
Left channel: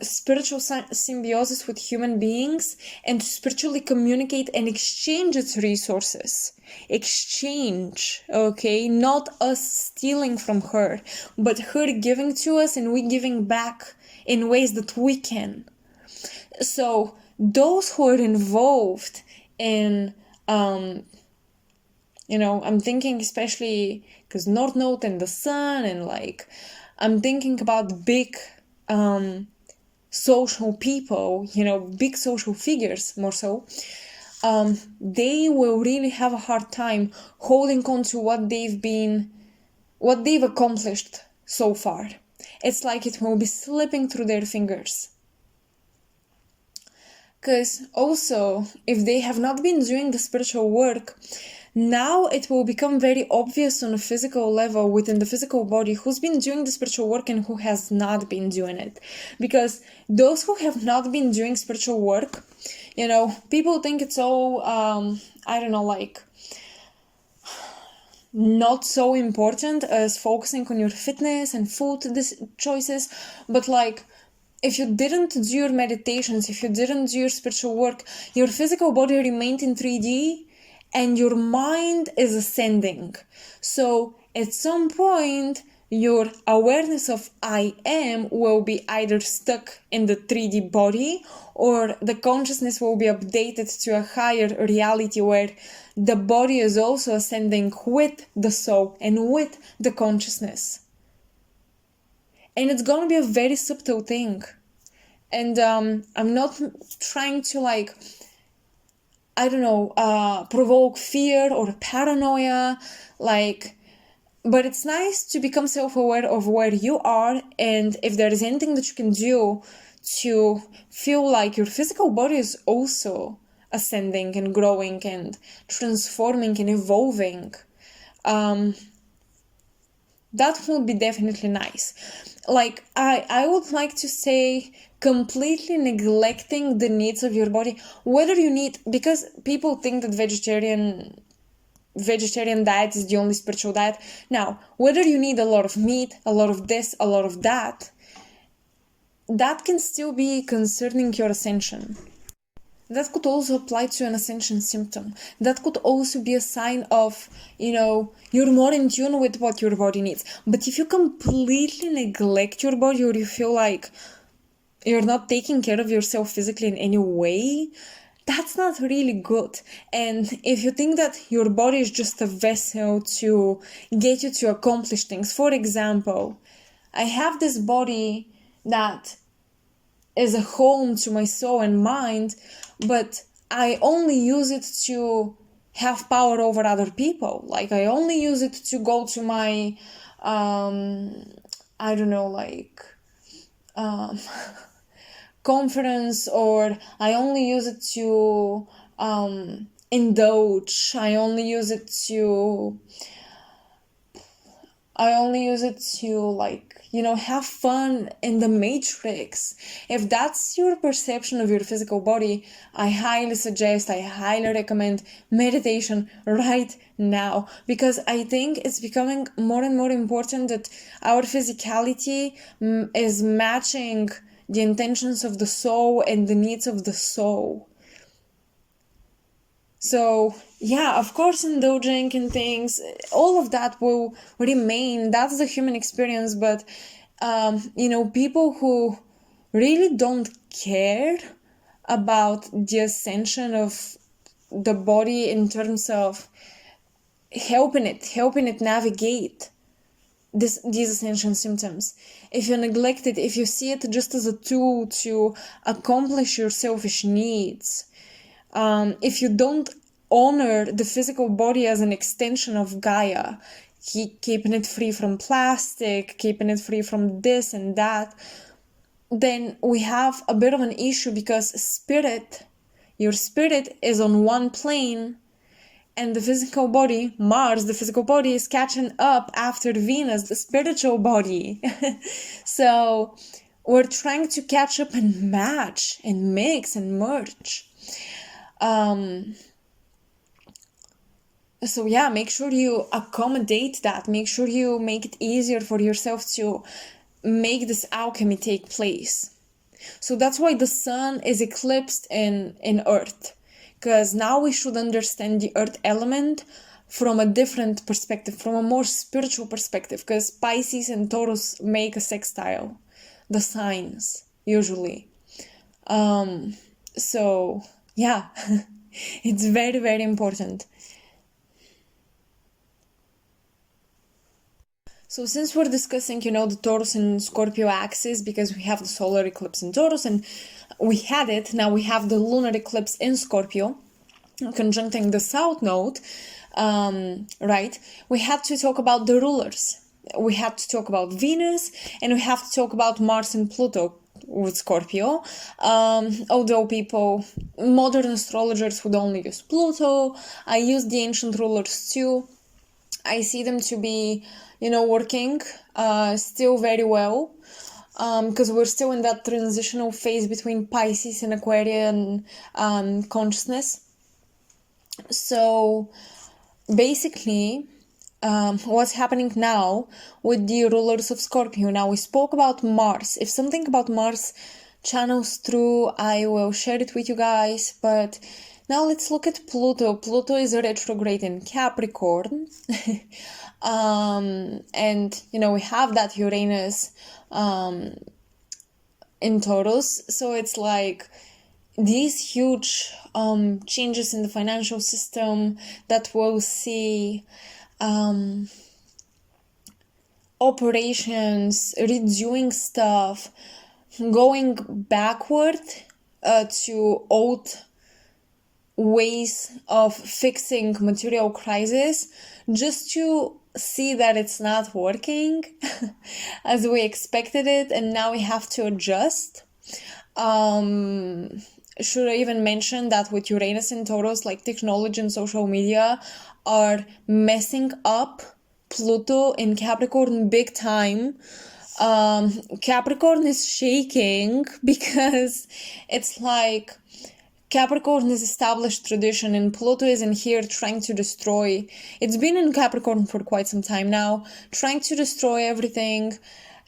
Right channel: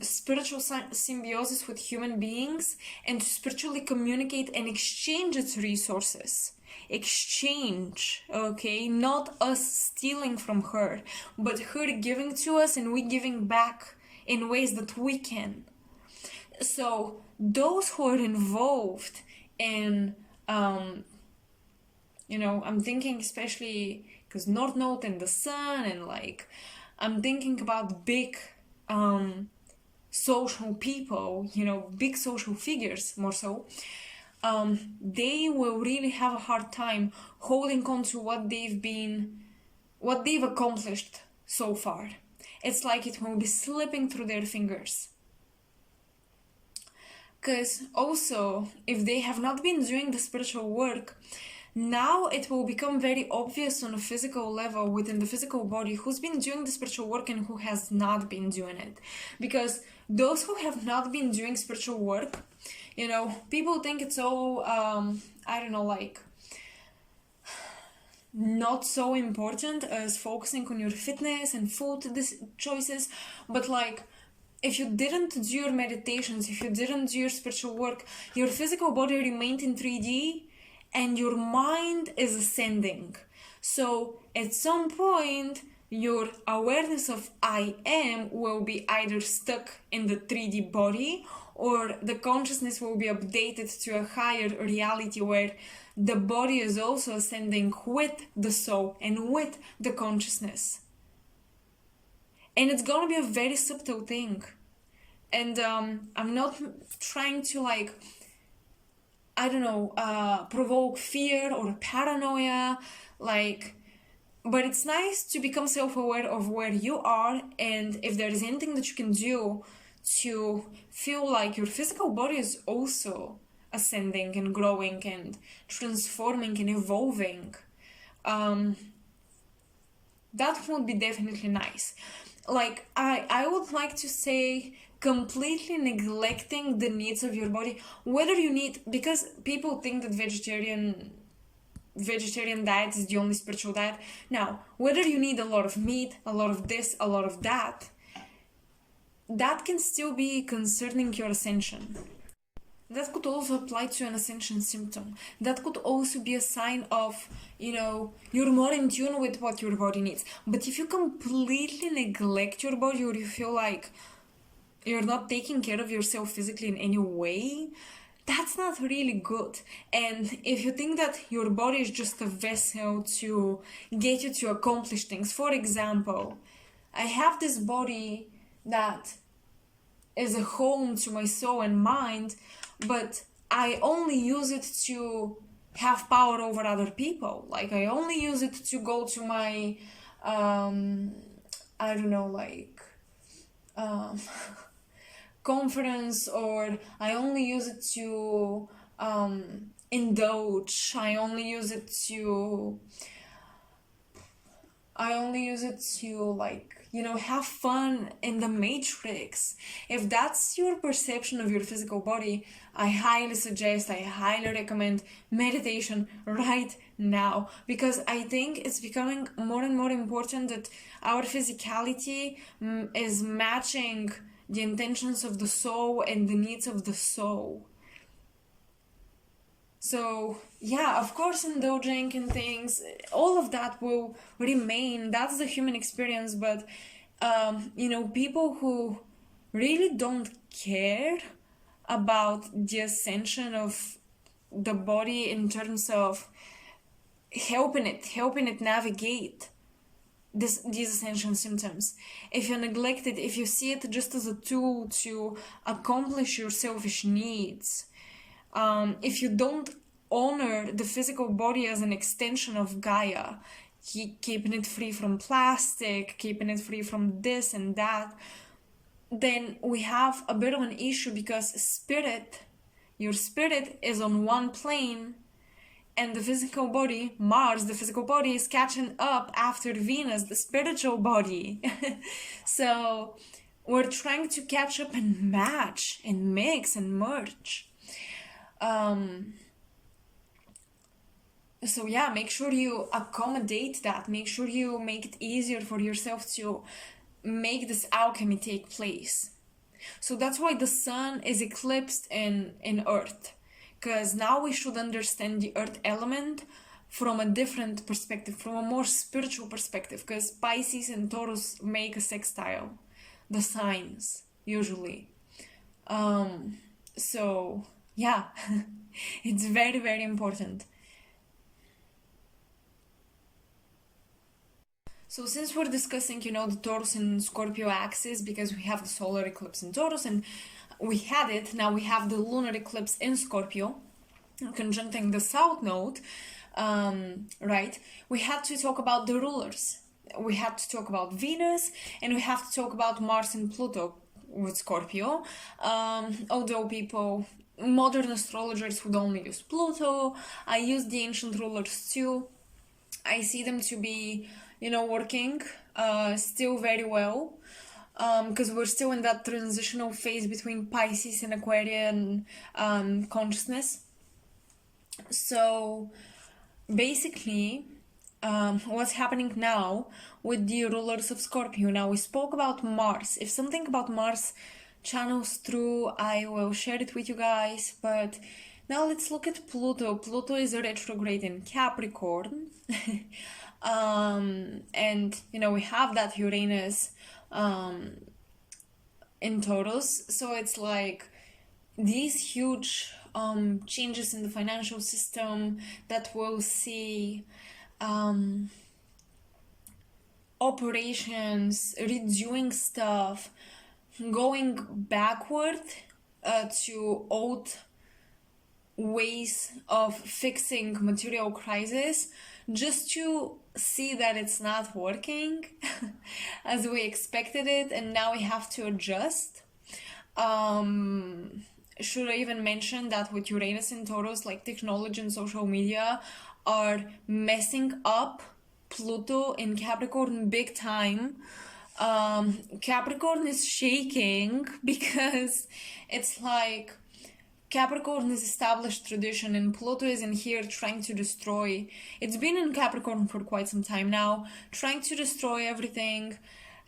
spiritual symbiosis with human beings and to spiritually communicate and exchange its resources. Exchange, okay? Not us stealing from her, but her giving to us and we giving back in ways that we can. So those who are involved in, I'm thinking especially because North Node and the Sun, and I'm thinking about big social people, big social figures more so. They will really have a hard time holding on to what they've accomplished so far. It's like it will be slipping through their fingers. Because also, if they have not been doing the spiritual work, now it will become very obvious on a physical level within the physical body who's been doing the spiritual work and who has not been doing it. Because those who have not been doing spiritual work, people think it's all, not so important as focusing on your fitness and food choices. But if you didn't do your meditations, if you didn't do your spiritual work, your physical body remained in 3D and your mind is ascending. So at some point, your awareness of I am will be either stuck in the 3D body, or the consciousness will be updated to a higher reality where the body is also ascending with the soul and with the consciousness. And it's going to be a very subtle thing. And I'm not trying to provoke fear or paranoia, but it's nice to become self-aware of where you are, and if there is anything that you can do to feel like your physical body is also ascending and growing and transforming and evolving, that would be definitely nice. Like, I would like to say completely neglecting the needs of your body, whether you need, because people think that vegetarian diet is the only spiritual diet. Now, whether you need a lot of meat, a lot of this, a lot of that, that can still be concerning your ascension. That could also apply to an ascension symptom. That could also be a sign of, you're more in tune with what your body needs. But if you completely neglect your body, or you feel like you're not taking care of yourself physically in any way, that's not really good. And if you think that your body is just a vessel to get you to accomplish things, for example, I have this body that is a home to my soul and mind, but I only use it to have power over other people. Like, I only use it to go to my, conference, or I only use it to indulge. I only use it to have fun in the matrix. If that's your perception of your physical body, I highly recommend meditation right now, because I think it's becoming more and more important that our physicality is matching the intentions of the soul and the needs of the soul. So, yeah, of course, indulging in things, all of that will remain. That's the human experience. But, people who really don't care about the ascension of the body in terms of helping it navigate these ascension symptoms. If you neglect it, if you see it just as a tool to accomplish your selfish needs, if you don't honor the physical body as an extension of Gaia, keeping it free from plastic, keeping it free from this and that, then we have a bit of an issue, because your spirit is on one plane, and the physical body, Mars, the physical body, is catching up after Venus, the spiritual body. So we're trying to catch up and match and mix and merge. So yeah, make sure you accommodate that. Make sure you make it easier for yourself to make this alchemy take place. So that's why the sun is eclipsed in Earth. Because now we should understand the earth element from a different perspective, from a more spiritual perspective, because Pisces and Taurus make a sextile, the signs, usually. So, yeah, it's very, very important. So since we're discussing, the Taurus and Scorpio axis, because we have the solar eclipse in Taurus, and we had it, now we have the lunar eclipse in Scorpio, conjuncting the south node, right? We had to talk about the rulers. We had to talk about Venus, and we have to talk about Mars and Pluto with Scorpio. Although modern astrologers would only use Pluto, I use the ancient rulers too. I see them to be, working still very well. Because we're still in that transitional phase between Pisces and Aquarian consciousness. So basically, what's happening now with the rulers of Scorpio? Now, we spoke about Mars. If something about Mars channels through, I will share it with you guys. But now let's look at Pluto. Pluto is a retrograde in Capricorn. And, we have that Uranus in Taurus. So it's like these huge changes in the financial system that we'll see, operations, redoing stuff, going backward to old ways of fixing material crisis, just to see that it's not working as we expected it, and now we have to adjust. should I even mention that with Uranus and Taurus, like technology and social media are messing up Pluto in Capricorn big time. Capricorn is shaking because it's like Capricorn is established tradition and Pluto is in here trying to destroy. It's been in Capricorn for quite some time now, trying to destroy everything.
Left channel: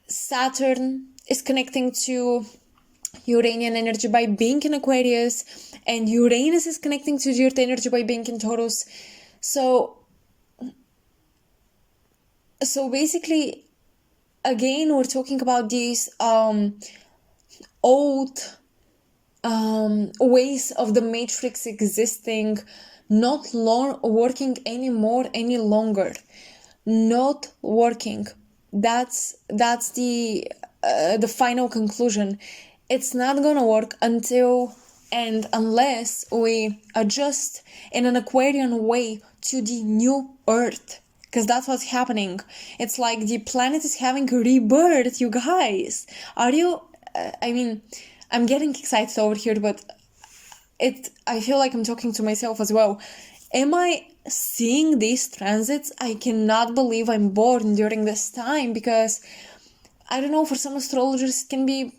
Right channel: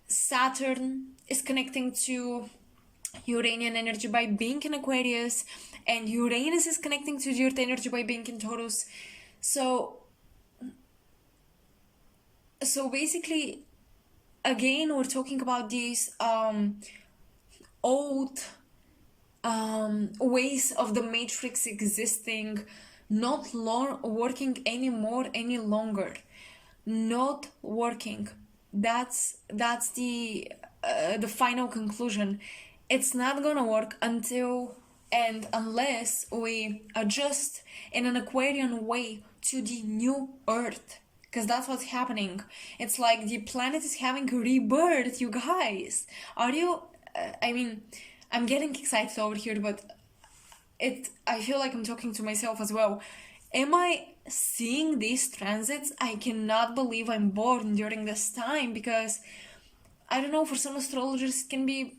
Saturn is connecting to Uranian energy by being in Aquarius, and Uranus is connecting to the Earth energy by being in Taurus. So basically, again, we're talking about these old ways of the matrix existing, not working anymore any longer, not working. That's the final conclusion. It's not gonna work until and unless we adjust in an Aquarian way to the new Earth, because that's what's happening. It's like the planet is having a rebirth, you guys. Are you I mean, I'm getting excited over here, but I feel like I'm talking to myself as well. Am I seeing these transits? I cannot believe I'm born during this time, because I don't know, for some astrologers it can be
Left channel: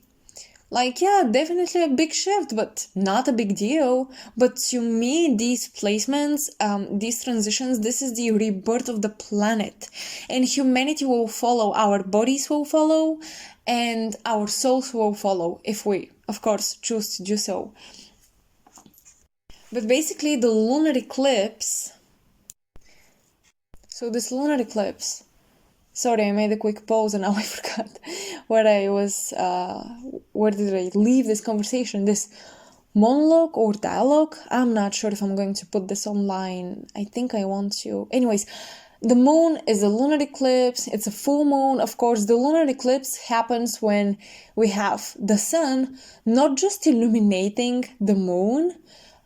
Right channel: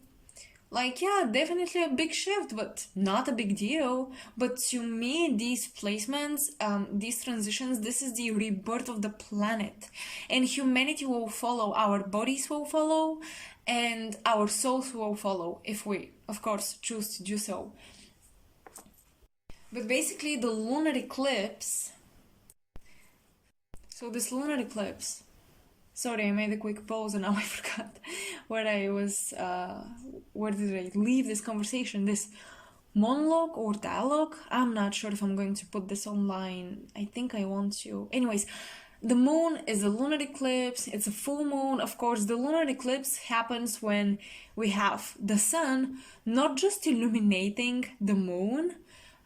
like, yeah, definitely a big shift, but not a big deal. But to me, these placements, these transitions, this is the rebirth of the planet. And humanity will follow, our bodies will follow, and our souls will follow, if we, of course, choose to do so. But basically, the lunar eclipse... So this lunar eclipse... Sorry, I made a quick pause and now I forgot where I was, where did I leave this conversation, this monologue or dialogue? I'm not sure if I'm going to put this online. I think I want to. Anyways, the moon is a lunar eclipse. It's a full moon. Of course, the lunar eclipse happens when we have the sun not just illuminating the moon,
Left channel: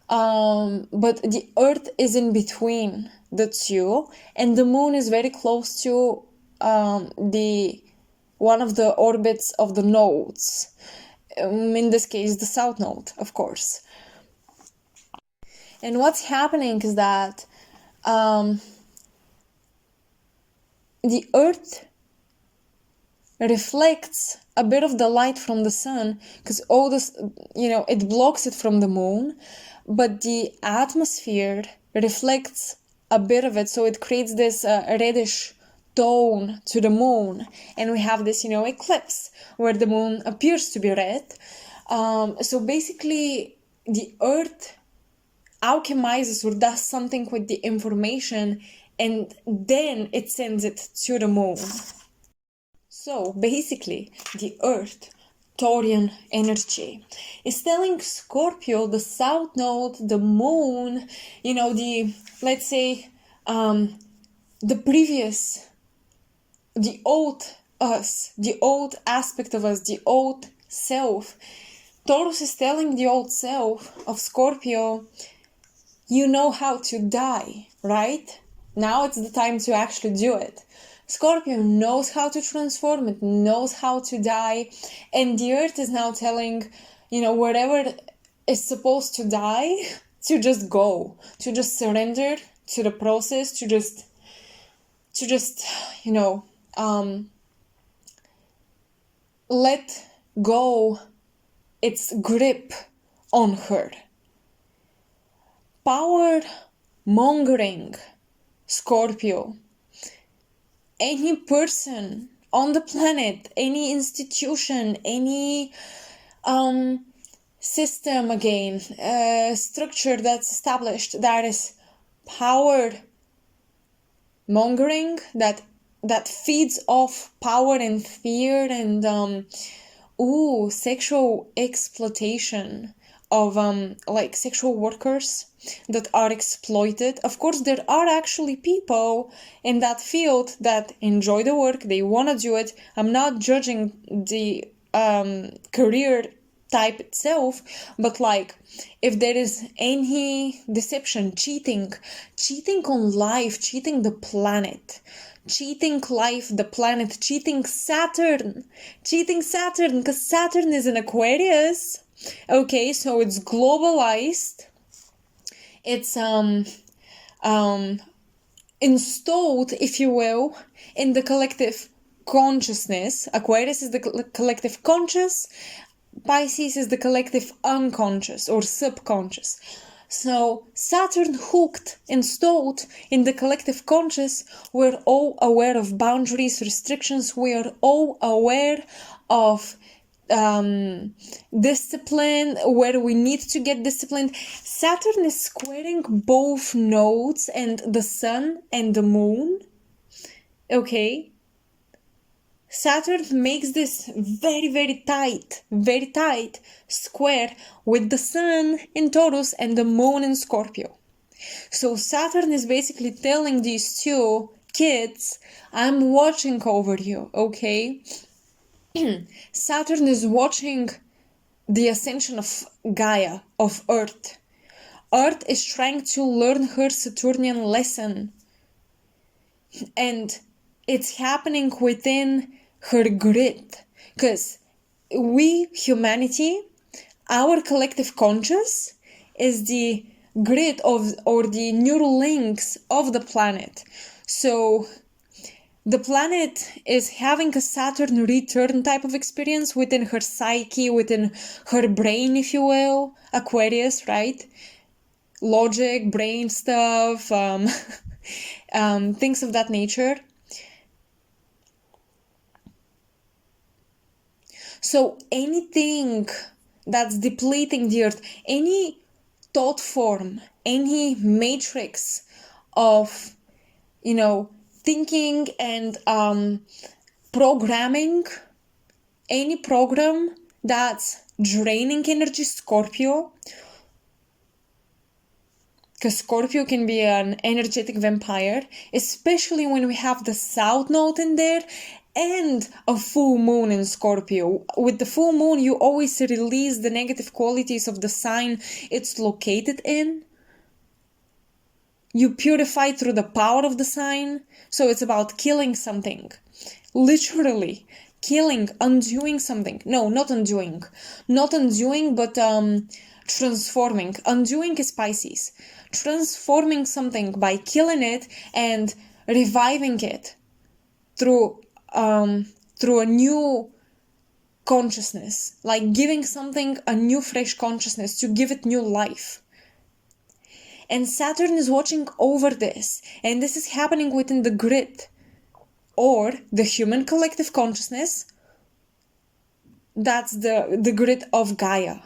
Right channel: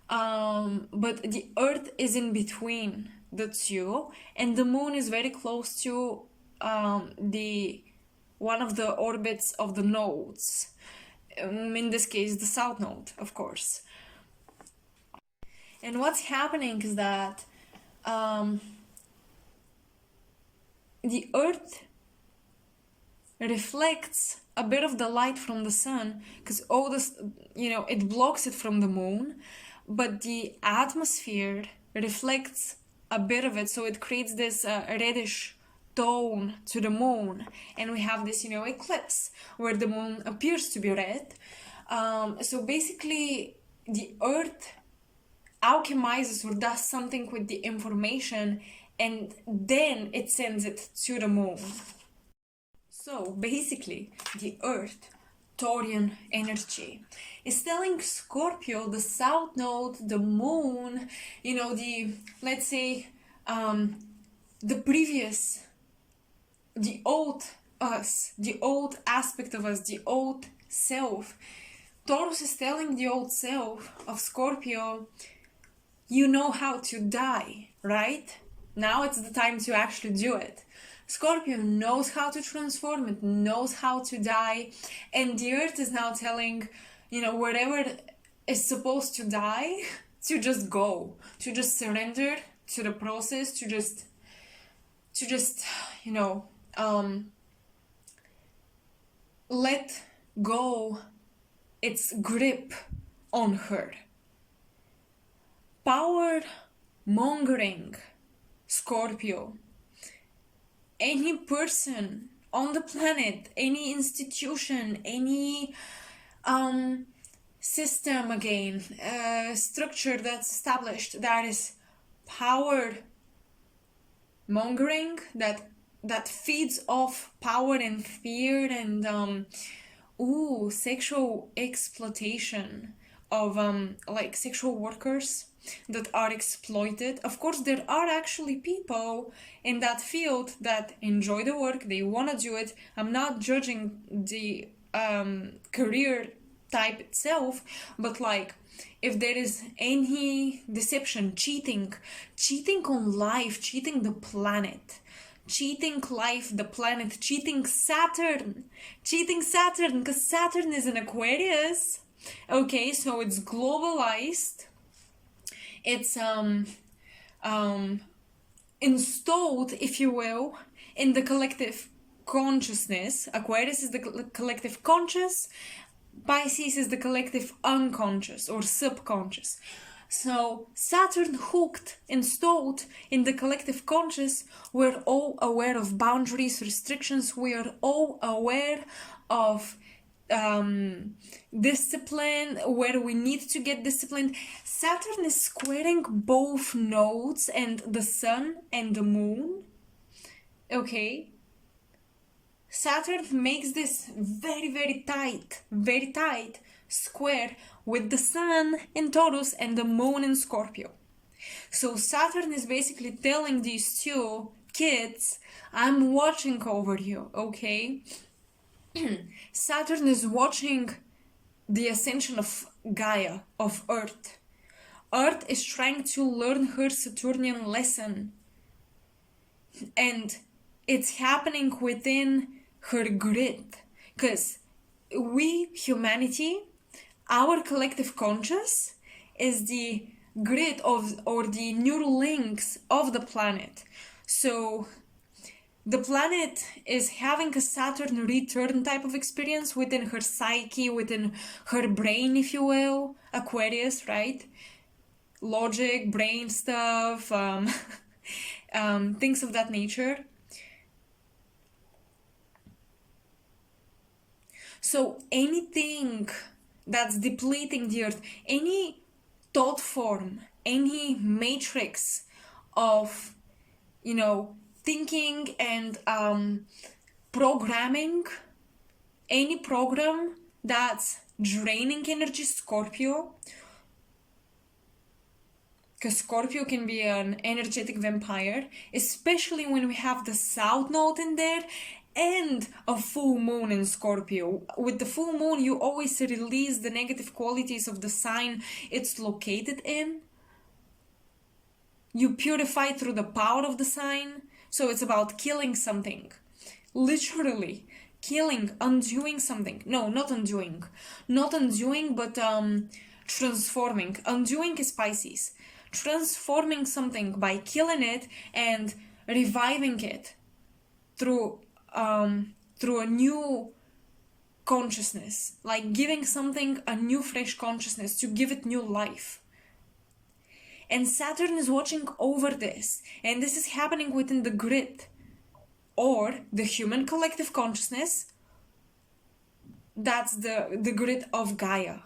but the earth is in between the two, and the moon is very close to the one of the orbits of the nodes, in this case the south node, of course. And what's happening is that the earth reflects a bit of the light from the sun, because all this, it blocks it from the moon, but the atmosphere reflects a bit of it, so it creates this reddish tone to the moon, and we have this eclipse where the moon appears to be red. So basically the earth alchemizes or does something with the information, and then it sends it to the moon. So basically the earth, Taurian energy, is telling Scorpio, the south node, the moon, let's say the previous, the old us, the old aspect of us, the old self. Taurus is telling the old self of Scorpio, you know how to die, right? Now it's the time to actually do it. Scorpio knows how to transform, it knows how to die, and the earth is now telling, whatever is supposed to die, to just go, to just surrender to the process, to just let go its grip on her. Power mongering, Scorpio. Any person on the planet, any institution, any system, again, structure that's established that is power mongering, that feeds off power and fear and sexual exploitation of like sexual workers that are exploited. Of course, there are actually people in that field that enjoy the work, they want to do it. I'm not judging the career type itself, but like if there is any deception, cheating on life, cheating the planet, cheating life, the planet, cheating Saturn, because Saturn is in Aquarius. Okay, so it's globalized. It's installed, if you will, in the collective consciousness. Aquarius is the collective conscious. Pisces is the collective unconscious or subconscious. So Saturn hooked, installed in the collective conscious, we're all aware of boundaries, restrictions. We are all aware of discipline, where we need to get disciplined. Saturn is squaring both nodes and the sun and the moon. Okay. Saturn makes this very tight square with the sun in Taurus and the moon in Scorpio. So Saturn is basically telling these two kids, I'm watching over you, okay? Saturn is watching the ascension of Gaia, of Earth. Earth is trying to learn her Saturnian lesson. And it's happening within her grid. Because we, humanity, our collective conscious is the grid of, or the neural links of the planet. So the planet is having a Saturn return type of experience within her psyche, within her brain, if you will. Aquarius, right? Logic, brain stuff, things of that nature. So anything that's depleting the earth, any thought form, any matrix of, thinking and programming, any program that's draining energy, Scorpio, because Scorpio can be an energetic vampire, especially when we have the South Node in there and a full moon in Scorpio. With the full moon, you always release the negative qualities of the sign it's located in. You purify through the power of the sign. So it's about killing something. Literally. Killing, undoing something. No, not undoing. Not undoing, but transforming. Undoing is Pisces. Transforming something by killing it and reviving it through a new consciousness, like giving something a new fresh consciousness, to give it new life. And Saturn is watching over this, and this is happening within the grid or the human collective consciousness. That's the grid of Gaia.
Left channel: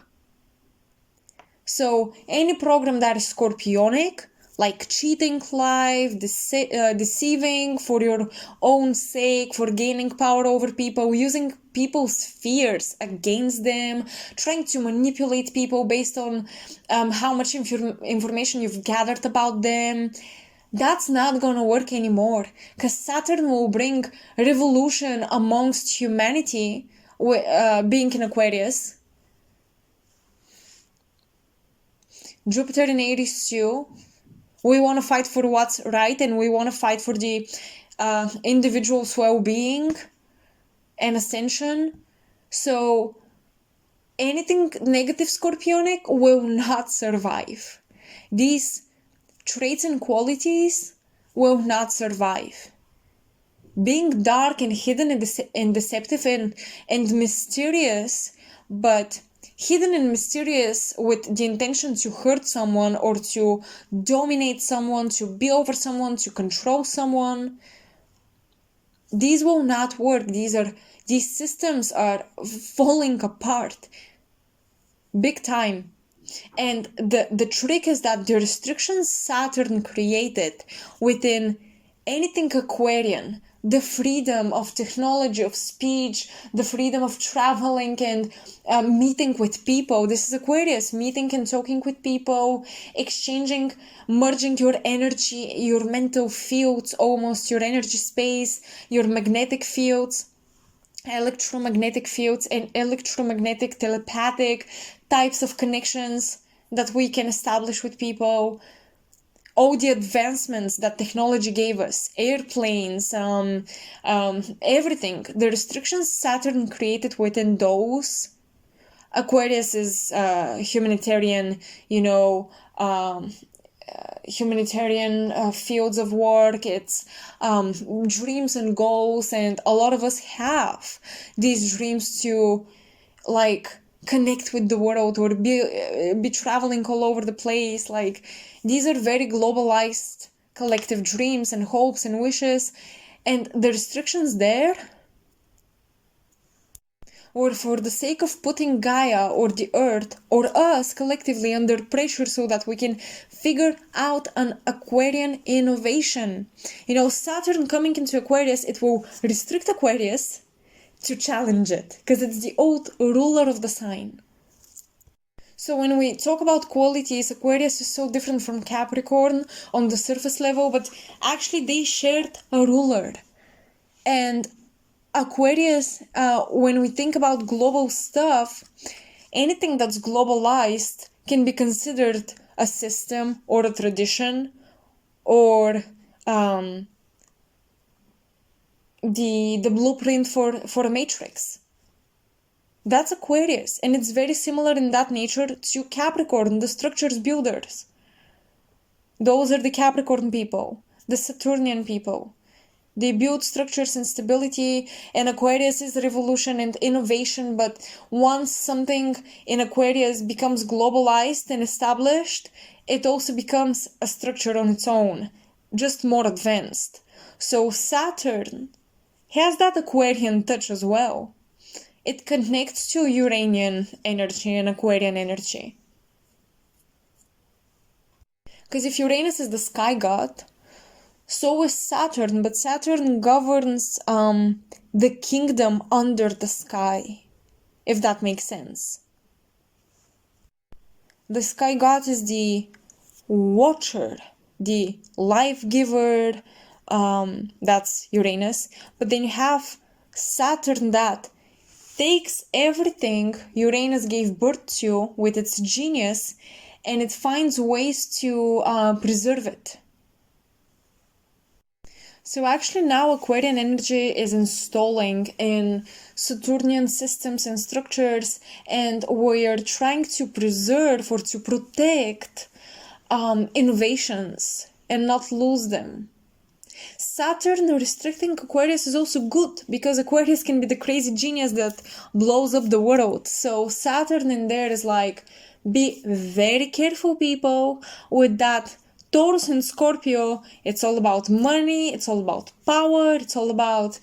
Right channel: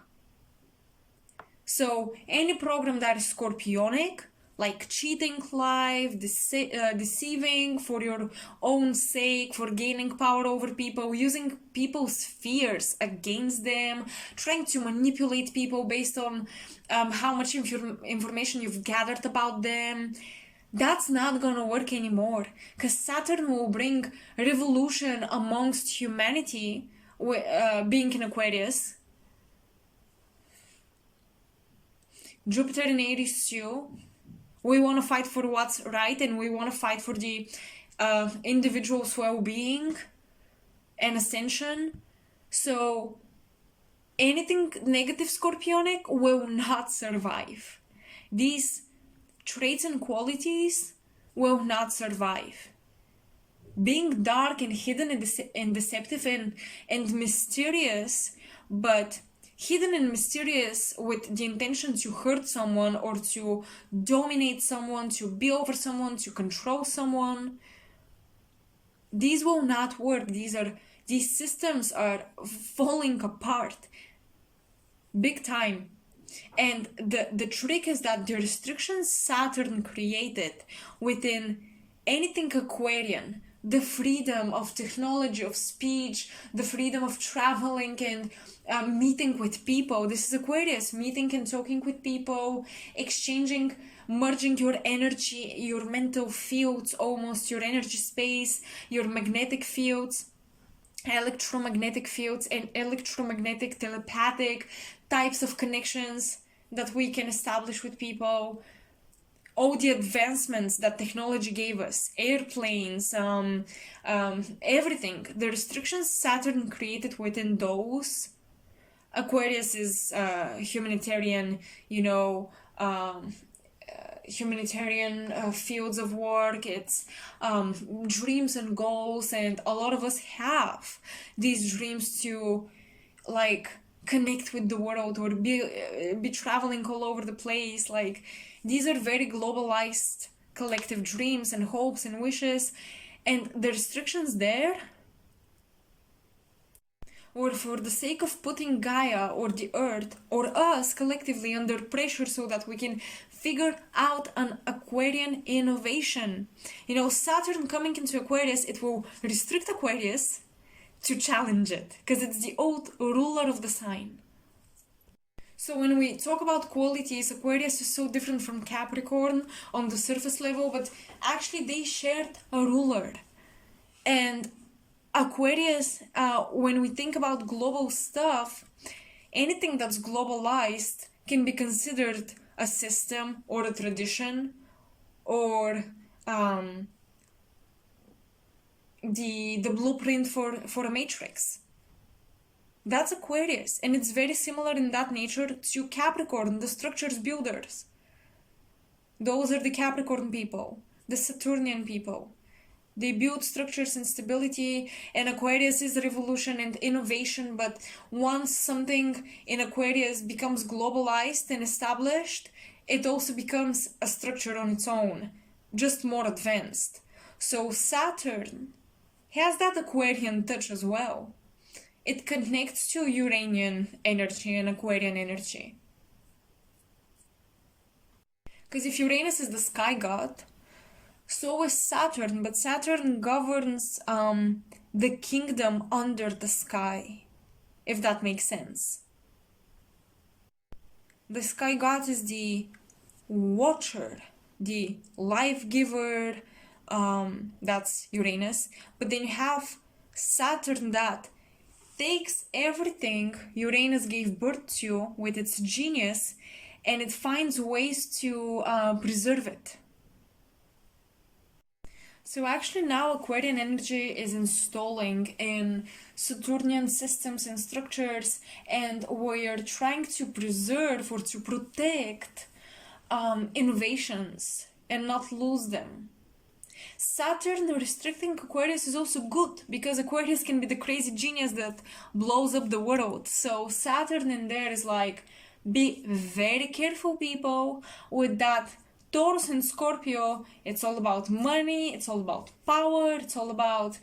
So any program that is scorpionic, like cheating life, deceiving for your own sake, for gaining power over people, using people's fears against them, trying to manipulate people based on how much information you've gathered about them, that's not gonna work anymore, because Saturn will bring revolution amongst humanity, being in Aquarius. Jupiter in Aries too. We want to fight for what's right, and we want to fight for the individual's well-being and ascension. So anything negative Scorpionic will not survive. These traits and qualities will not survive. Being dark and hidden and deceptive and mysterious, but hidden and mysterious with the intention to hurt someone or to dominate someone, to be over someone, to control someone, these will not work. These systems are falling apart big time. And the trick is that the restrictions Saturn created within anything Aquarian, the freedom of technology, of speech, the freedom of traveling and meeting with people. This is Aquarius, meeting and talking with people, exchanging, merging your energy, your mental fields, almost your energy space, your magnetic fields, electromagnetic fields, and electromagnetic telepathic types of connections that we can establish with people. All the advancements that technology gave us, airplanes, everything, the restrictions Saturn created within those Aquarius is humanitarian, you know, humanitarian fields of work. It's dreams and goals, and a lot of us have these dreams to like connect with the world or be traveling all over the place. Like these are very globalized collective dreams and hopes and wishes, and the restrictions there, or for the sake of putting Gaia or the earth or us collectively under pressure so that we can figure out an Aquarian innovation. You know, Saturn coming into Aquarius, it will restrict Aquarius to challenge it because it's the old ruler of the sign. So when we talk about qualities, Aquarius is so different from Capricorn on the surface level, but actually they shared a ruler. And Aquarius, when we think about global stuff, anything that's globalized can be considered a system or a tradition or the blueprint for a matrix. That's Aquarius, and it's very similar in that nature to Capricorn, the structures builders. Those are the Capricorn people, the Saturnian people. They build structures and stability, and Aquarius is revolution and innovation. But once something in Aquarius becomes globalized and established, it also becomes a structure on its own, just more advanced. So Saturn has that Aquarian touch as well. It connects to Uranian energy and Aquarian energy. Because if Uranus is the sky god, so is Saturn, but Saturn governs the kingdom under the sky, if that makes sense. The sky god is the watcher, the life giver, that's Uranus. But then you have Saturn that takes everything Uranus gave birth to with its genius, and it finds ways to preserve it. So actually now Aquarian energy is installing in Saturnian systems and structures, and we are trying to preserve or to protect innovations and not lose them. Saturn restricting Aquarius is also good because Aquarius can be the crazy genius that blows up the world. So Saturn in there is like, be very careful, people, with that. Taurus and Scorpio, it's all about money, it's all about power, it's all about,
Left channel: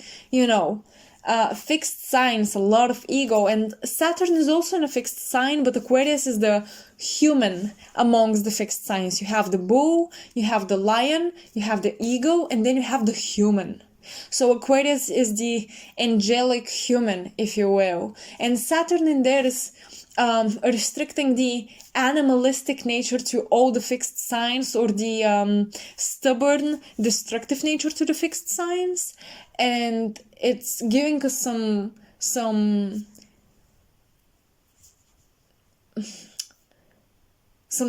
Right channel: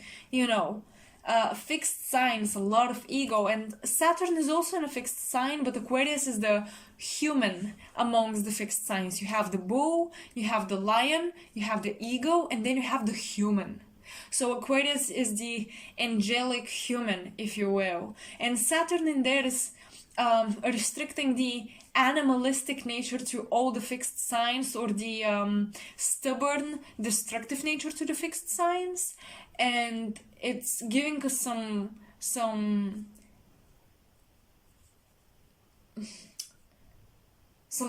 fixed signs, a lot of ego. And Saturn is also in a fixed sign, but Aquarius is the human amongst the fixed signs. You have the bull, you have the lion, you have the ego, and then you have the human. So Aquarius is the angelic human, if you will. And Saturn in there is restricting the animalistic nature to all the fixed signs, or the stubborn, destructive nature to the fixed signs, and it's giving us some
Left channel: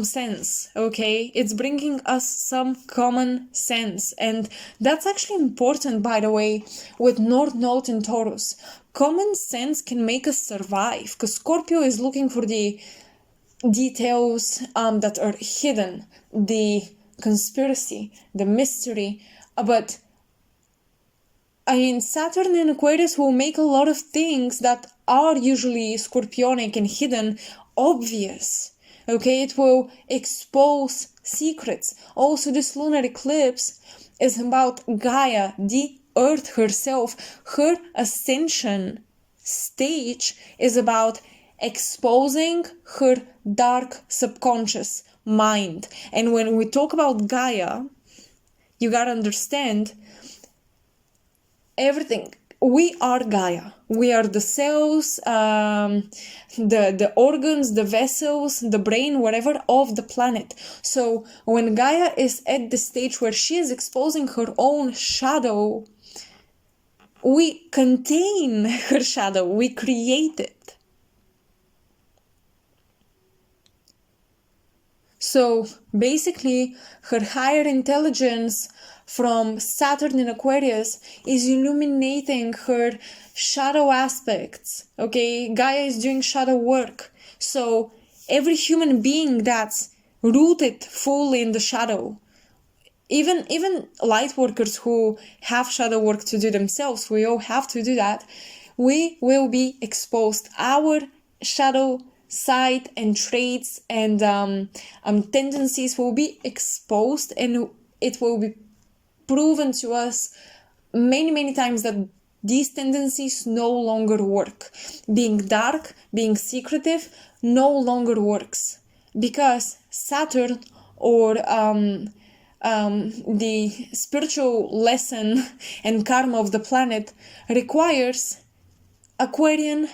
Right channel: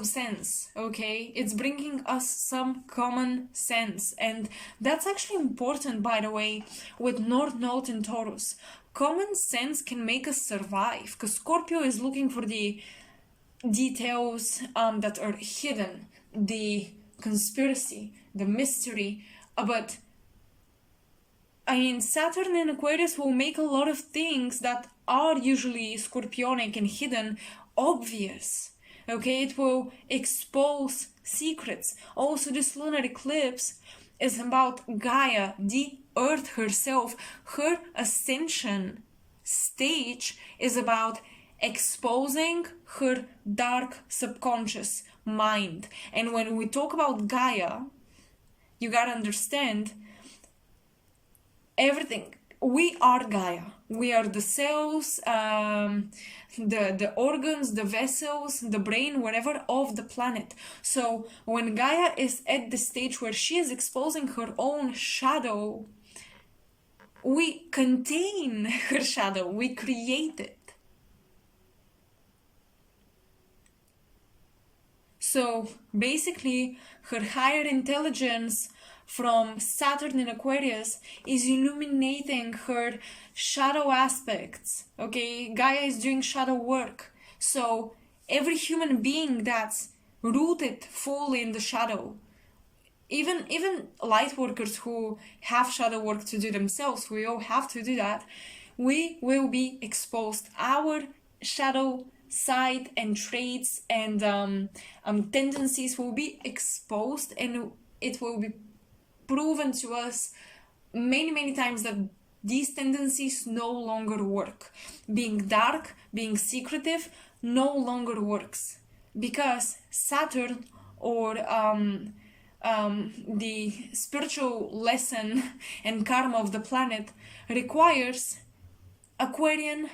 sense, okay? It's bringing us some common sense, and that's actually important, by the way, with North Node in Taurus. Common sense can make us survive, because Scorpio is looking for the details that are hidden, the conspiracy, the mystery. But I mean, Saturn in Aquarius will make a lot of things that are usually scorpionic and hidden obvious. Okay, it will expose secrets. Also, this lunar eclipse is about Gaia, the Earth herself. Her ascension stage is about exposing her dark subconscious mind. And when we talk about Gaia, you gotta understand everything. We are Gaia. We are the cells, the organs, the vessels, the brain, whatever, of the planet. So when Gaia is at the stage where she is exposing her own shadow, we contain her shadow, we create it. So basically, her higher intelligence from Saturn in Aquarius is illuminating her shadow aspects. Okay, Gaia is doing shadow work. So every human being that's rooted fully in the shadow, even light workers who have shadow work to do themselves, we all have to do that, we will be exposed. Our shadow side and traits and tendencies will be exposed, and it will be proven to us many times that these tendencies no longer work. Being dark, being secretive no longer works, because Saturn, or the spiritual lesson and karma of the planet, requires Aquarian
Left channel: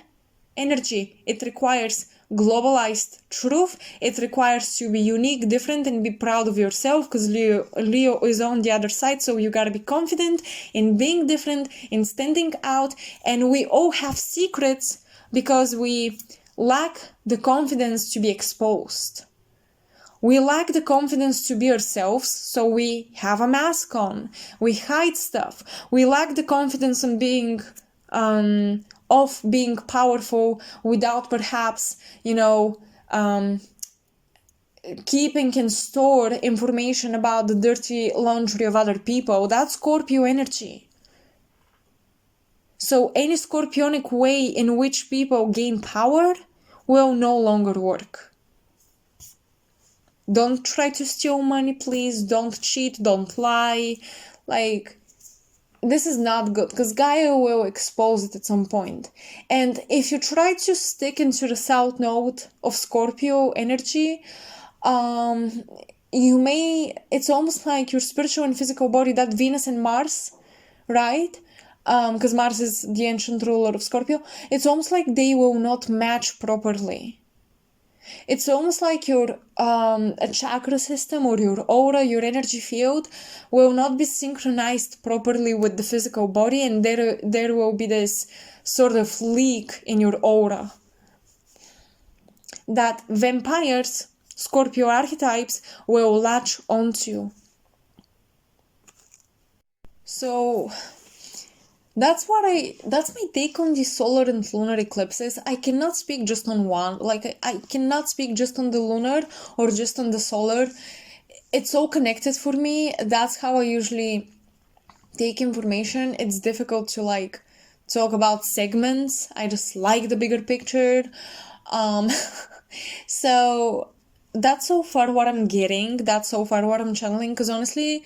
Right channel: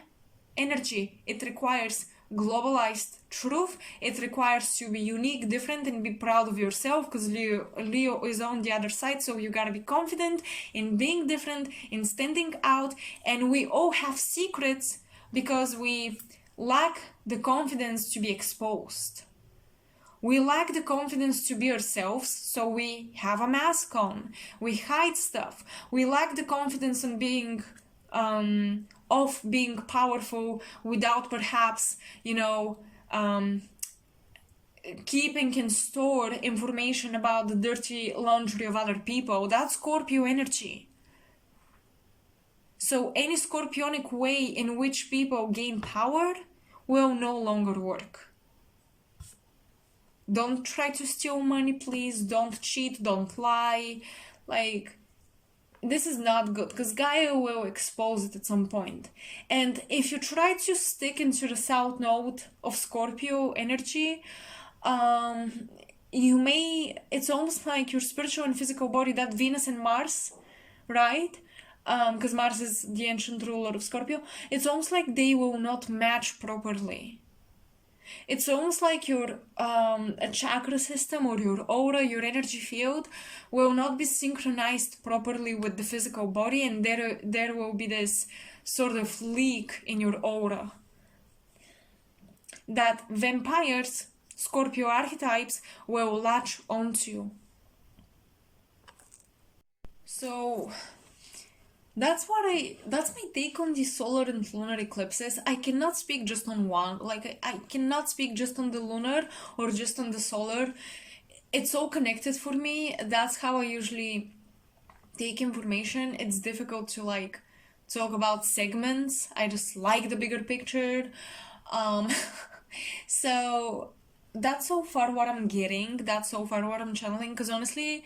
energy. It requires globalized truth. It requires to be unique, different, and be proud of yourself, because Leo is on the other side. So you gotta be confident in being different, in standing out. And we all have secrets because we lack the confidence to be exposed. We lack the confidence to be ourselves, so we have a mask on. We hide stuff. We lack the confidence in being of being powerful without perhaps, keeping and store information about the dirty laundry of other people. That's Scorpio energy. So any scorpionic way in which people gain power will no longer work. Don't try to steal money, please. Don't cheat, don't lie. This is not good, because Gaia will expose it at some point. And if you try to stick into the south node of Scorpio energy, it's almost like your spiritual and physical body, that Venus and Mars, right? Because Mars is the ancient ruler of Scorpio. It's almost like they will not match properly. It's almost like your a chakra system or your aura, your energy field will not be synchronized properly with the physical body, and there will be this sort of leak in your aura that vampires, Scorpio archetypes, will latch onto. So that's my take on the solar and lunar eclipses. I cannot speak just on one. I cannot speak just on the lunar or just on the solar. It's all connected for me. That's how I usually take information. It's difficult to talk about segments. I just like the bigger picture. So that's so far what I'm getting. That's so far what I'm channeling. Because honestly,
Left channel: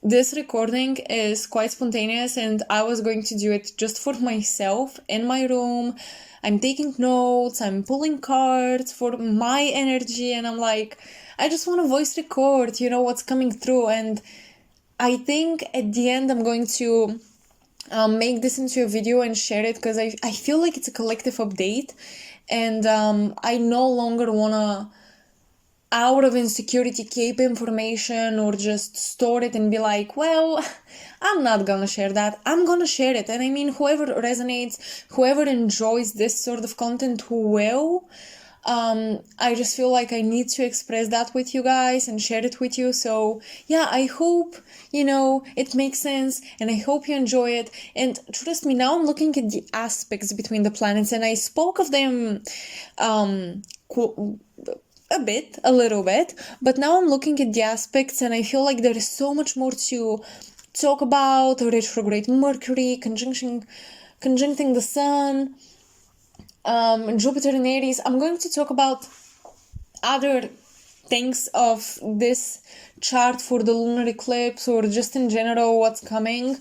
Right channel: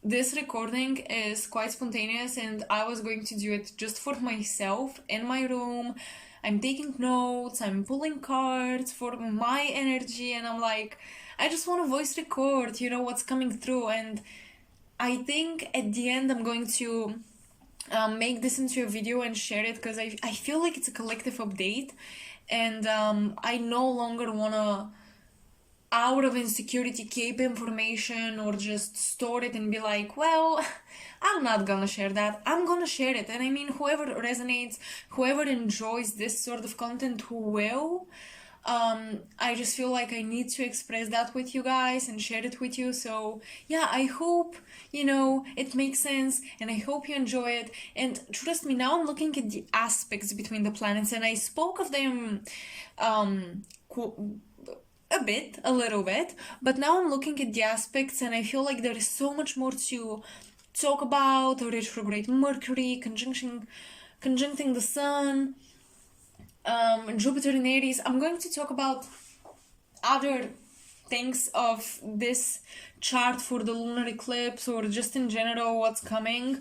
this recording is quite spontaneous, and I was going to do it just for myself in my room. I'm taking notes, I'm pulling cards for my energy, and I'm like, I just want to voice record, what's coming through. And I think at the end I'm going to make this into a video and share it, because I feel like it's a collective update, and I no longer want to, out of insecurity, keep information or just store it and be like, well, I'm not gonna share that. I'm gonna share it. And I mean, whoever resonates, whoever enjoys this sort of content, who will, I just feel like I need to express that with you guys and share it with you. So yeah, I hope, it makes sense, and I hope you enjoy it. And trust me, now I'm looking at the aspects between the planets, and I spoke of them, a little bit, but now I'm looking at the aspects, and I feel like there is so much more to talk about. Retrograde Mercury conjuncting the Sun, Jupiter in Aries. I'm going to talk about other things of this chart for the lunar eclipse, or just in general what's coming,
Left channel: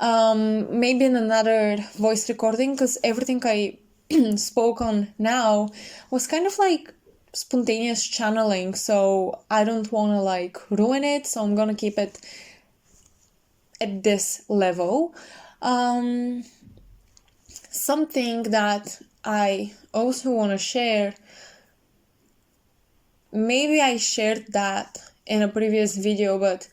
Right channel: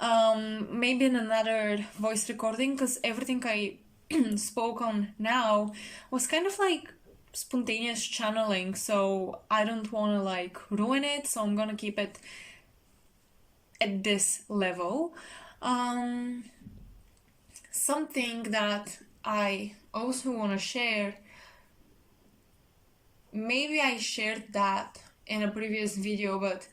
maybe in another voice recording, because everything I spoke on now was kind of like spontaneous channeling, so I don't want to ruin it, so I'm gonna keep it at this level. Something that I also want to share, maybe I shared that in a previous video, but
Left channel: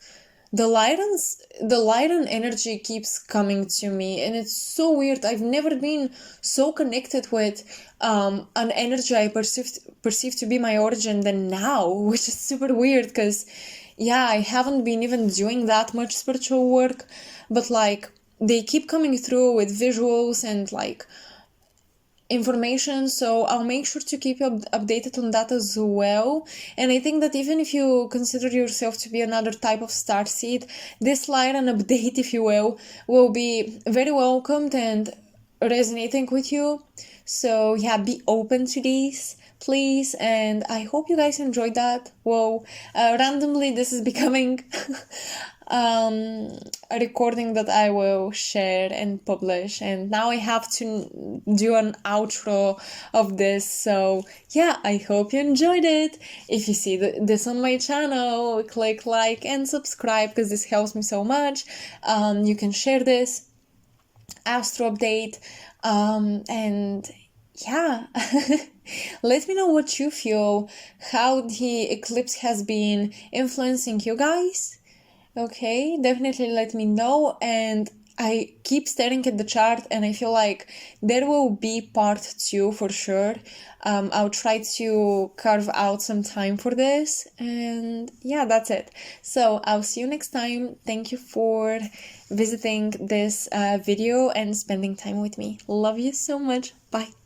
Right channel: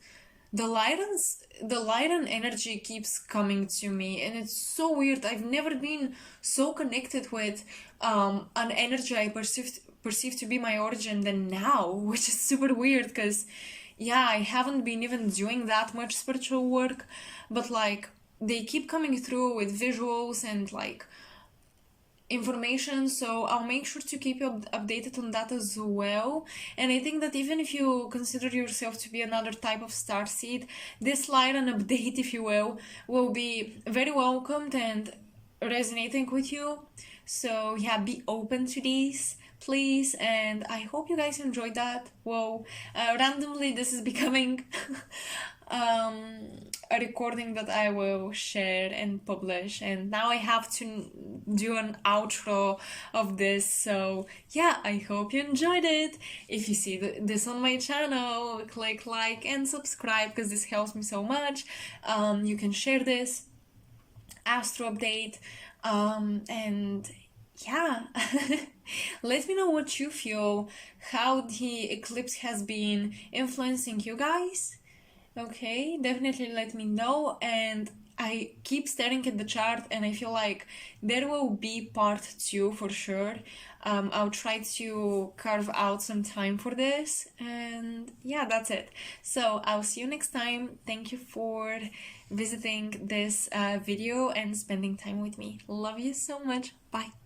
the Lyran energy keeps coming to me, and it's so weird. I've never been so connected with an energy I perceive to be my origin than now, which is super weird, because yeah, I haven't been even doing that much spiritual work, but like they keep coming through with visuals and like information, so I'll make sure to keep you updated on that as well. And I think that even if you consider yourself to be another type of starseed, this light and update, if you will be very welcomed and resonating with you. So yeah, be open to these, please, and I hope you guys enjoyed that. Well, randomly this is becoming a recording that I will share and publish, and now I have to do an outro of this. So yeah, I hope you enjoyed it. If you see this on my channel, click like and subscribe because this helps me so much. You can share this astro update, and yeah, let me know what you feel, how the eclipse has been influencing you guys. Okay, definitely let me know. And I keep staring at the chart and I feel like there will be part 2 for sure. I'll try to carve out some time for this, and yeah, that's it. So I'll see you next time. Thank you for visiting this video and spending time with me. Love you so much. Bye.